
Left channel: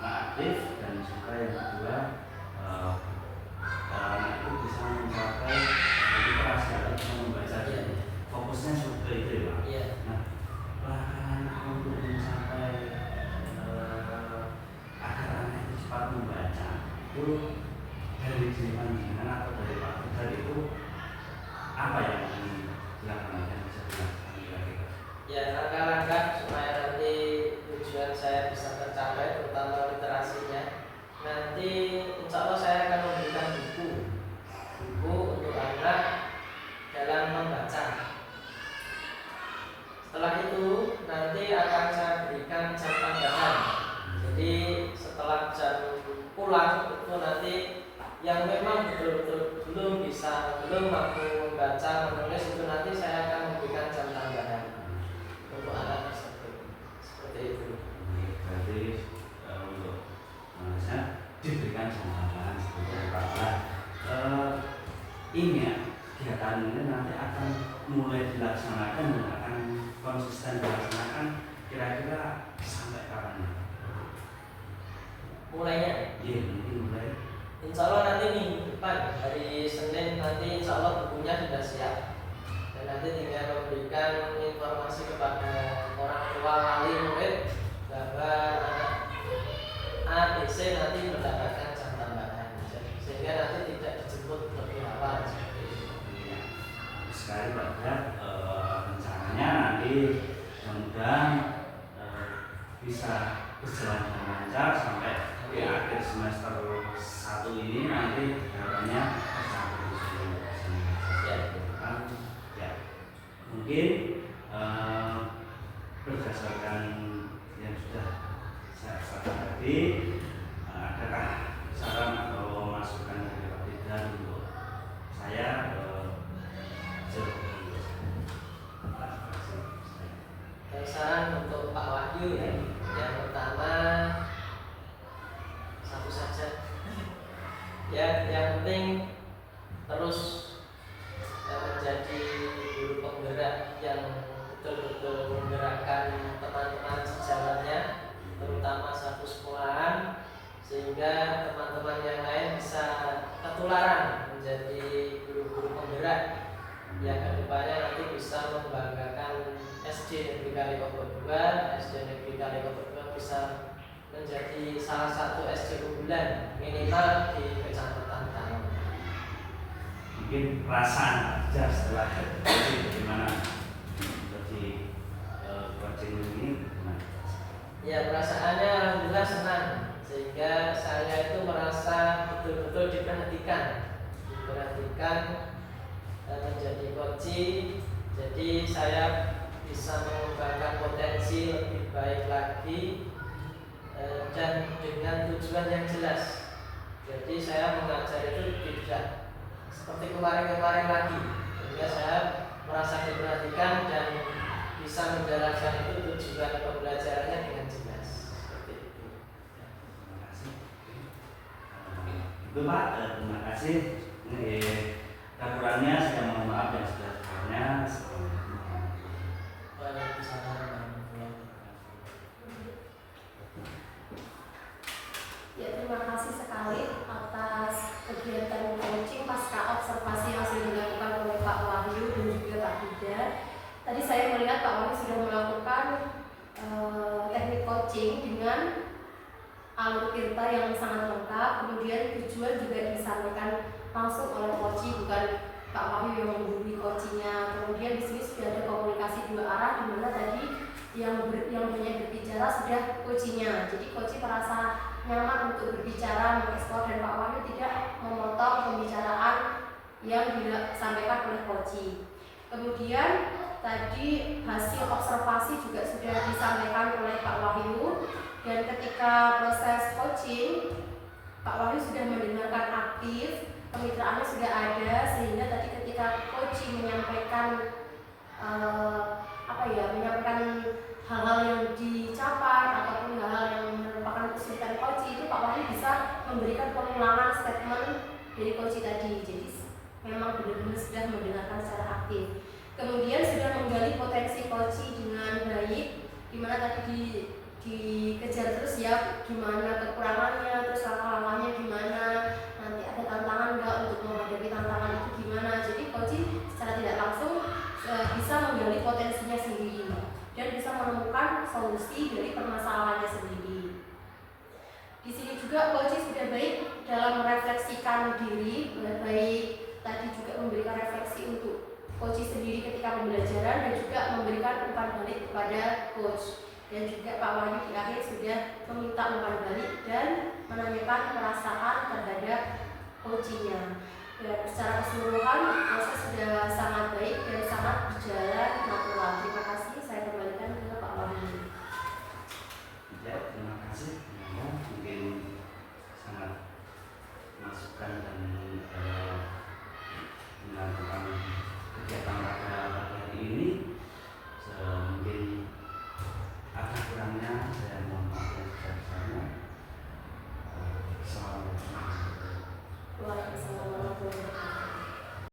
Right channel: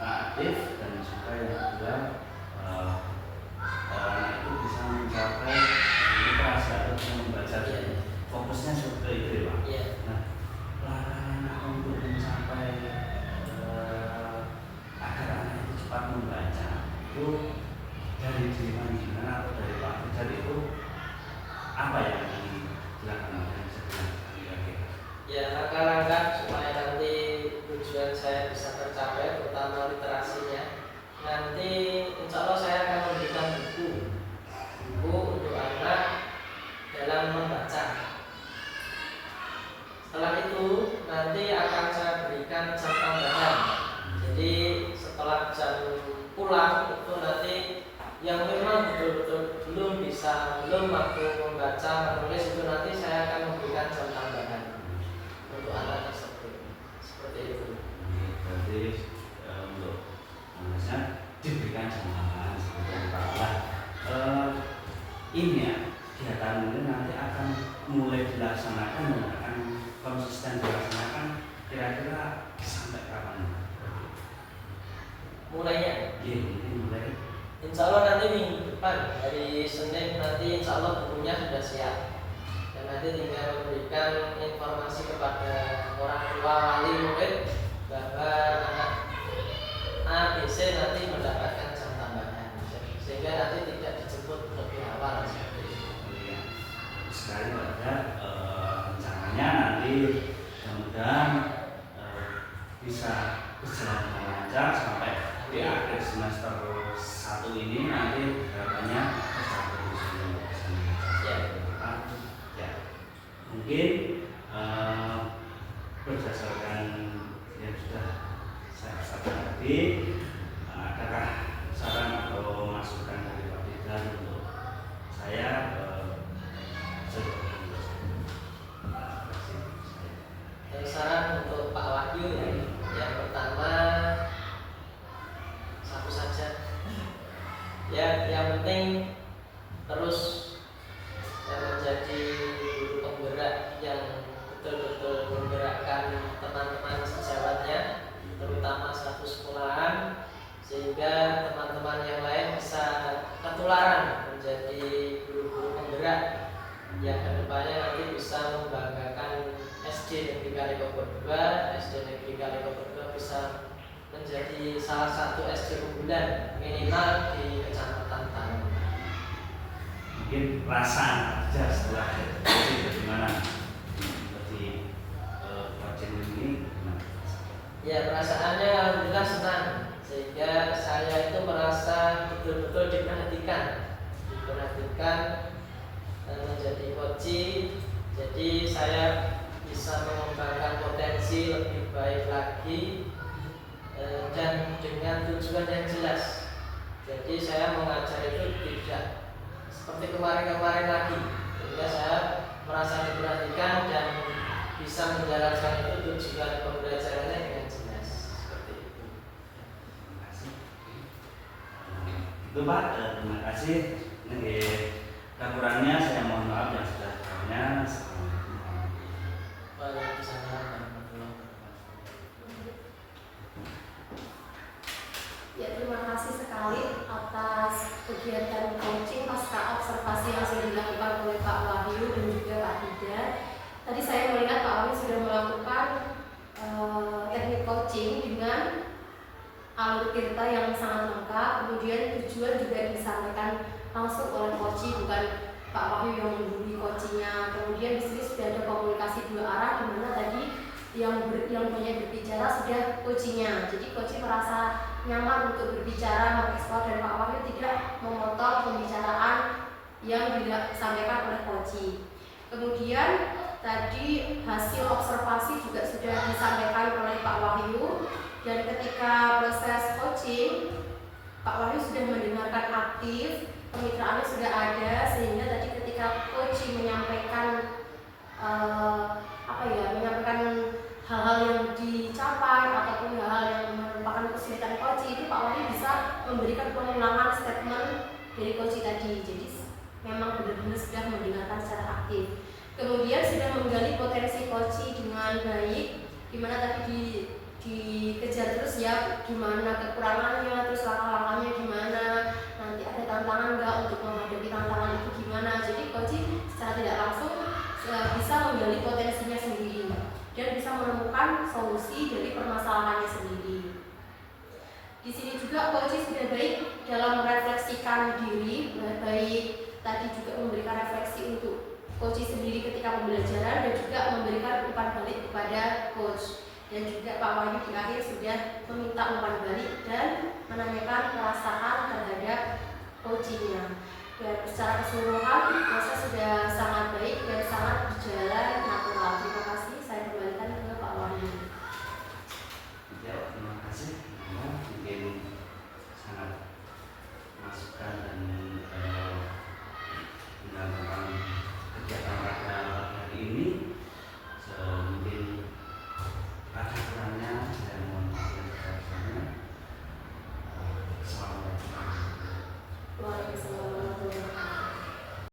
anak aktif dan juga yang kedua anak itu bisa mencapai literasi atau bisa membaca. Fokusnya seperti itu ya Pak. Iya. Nah, langkah untuk mencapai agar anak itu cepat membaca itu dari diri panjenengan atau dari Pak Peter itu apa yang dilakukan? Ya, langkah-langkah supaya nanti tujuan saya bisa tercapai, terutama literasinya. Nanti insya Allah saya akan memberikan buku untuk anak dalam membaca. Setelah itu nanti akan saya berikan jam tambahan. Jadi setelah jam pulang itu nanti yang memang betul-betul belum mampu membaca menulis itu nanti saya akan memberikan jam tambahan untuk anak tersebut. Seperti itu. Berarti untuk manusia diberikan jaminan seperti itu Pak. Ini ya kegiatan ini nanti akan mulai dilaksanakan dan akan konsisten dilaksanakan kira-kira sampai kapan? Mulainya? Iya, ini mulai. Insya Allah nanti minggu depan hari Senin nanti insya Allah bukunya sudah siap. Dan nanti tinggal memberikan informasi kepada orang tua wali murid bahwa anak A, B, C nanti mendapatkan jam tambahan sehingga nanti tidak dijemput lebih awal seperti itu. Sekali pada rencananya nanti mudah-mudahan bisa berjalan dengan lancar sampai di akhir semester 1 ini nanti harapannya ya mungkin berdasarkan yang sudah saya sampaikan tadi adakah saran atau masukan dari Pak Ida untuk saya saran untuk Pak Wahyu ya, yang pertama satu saja Ya, yang penting terus menjadi guru penggerak yang betul-betul menggerakkan teman-teman sejawatnya, terutama satu sekolahan, sehingga teman-teman yang lain bisa ketularan menjadi guru-guru penggerak yang kedepannya nanti bisa membanggakan SD Negeri Kalikopo 2, SD Negeri Kalikopo 2 bisa menjadi salah satu SD unggulan minimal di Kecamatan Tanon. Mungkin perasaan aja setelah jadi bagaimana seperti wajib ini gimana? Ya, perasaannya alhamdulillah senang, sehingga saya itu merasa betul-betul diperhatikan dan menjadi coach. Jadi saya bisa mengembangkan potensi lebih baik lagi dan dengan tujuan yang jelas. Jadi saya mengajar itu tidak seperti kemarin-kemarin lagi, sehingga saya merasa diperhatikan dan bisa menjalankan itu tujuan pembelajarannya dengan jelas. Seperti itu. Terima kasih. Itu Pak, terima kasih. Ini kekurangannya saya mohon maaf yang sudah kurangnya. Waalaikumsalam warahmatullahi wabarakatuh. Ya, terima kasih sekali atas kegiatan coaching pasca observasi yang sudah dilakukan oleh Pak Wahyu dan juga Pak Dida. Tadi saya melihat Pak Wahyu sudah melakukan teknik coaching dengan alur tirta yang sangat lengkap. Kemudian tujuan juga disampaikan langsung oleh coach, bukan Pak Wahyu yang menggurui coachingnya. Kemudian di sini sudah ada komunikasi dua arah, di mana tadi yang banyak berbicara sudah coachingnya. Jadi coach merasa nyaman untuk berbicara, mengeksplor, dan Pak Wahyu tidak memotong pembicaraan yang disampaikan oleh coach. Kemudian tadi hasil observasi juga sudah disampaikan oleh Pak Wahyu, dan ketika proses coaching Pak Wahyu sudah mendengarkan aktif, kemitraannya sudah ada, sehingga tadi ketika coach menyampaikan menyampaikan hal-hal yang dicapai ataupun hal-hal yang merupakan kesulitan coach, itu Pak Wahyu bisa memberikan pengulangan statement dari coach tadi. Jadi memang benar-benar sudah mendengarkan secara aktif. Kemudian sudah menggali potensi coach dengan baik, dimana tadi dikejar terus ya, gimana kekurangannya, terus langkah-langkahnya gimana, nanti ada tantangan nggak untuk menghadapi tantangan itu gimana. Jadi coach secara tidak langsung bisa menggali potensinya sendiri dan bisa menemukan solusi dari permasalahannya sendiri. Di sini juga coach sudah baik dalam merefleksikan diri, baik tadi juga memberikan refleksi untuk coach sendiri ketika pembelajaran dan juga memberikan umpan balik kepada coach. Dan juga Pak Wahyu di akhir sudah meminta umpan balik dan menanyakan perasaan terhadap coachingnya. Ya, secara keseluruhan proses sudah sangat baik dan sangat berjalan natural. Terima kasih, saya kembalikan ke Pak Wahyu. Ya, terima kasih.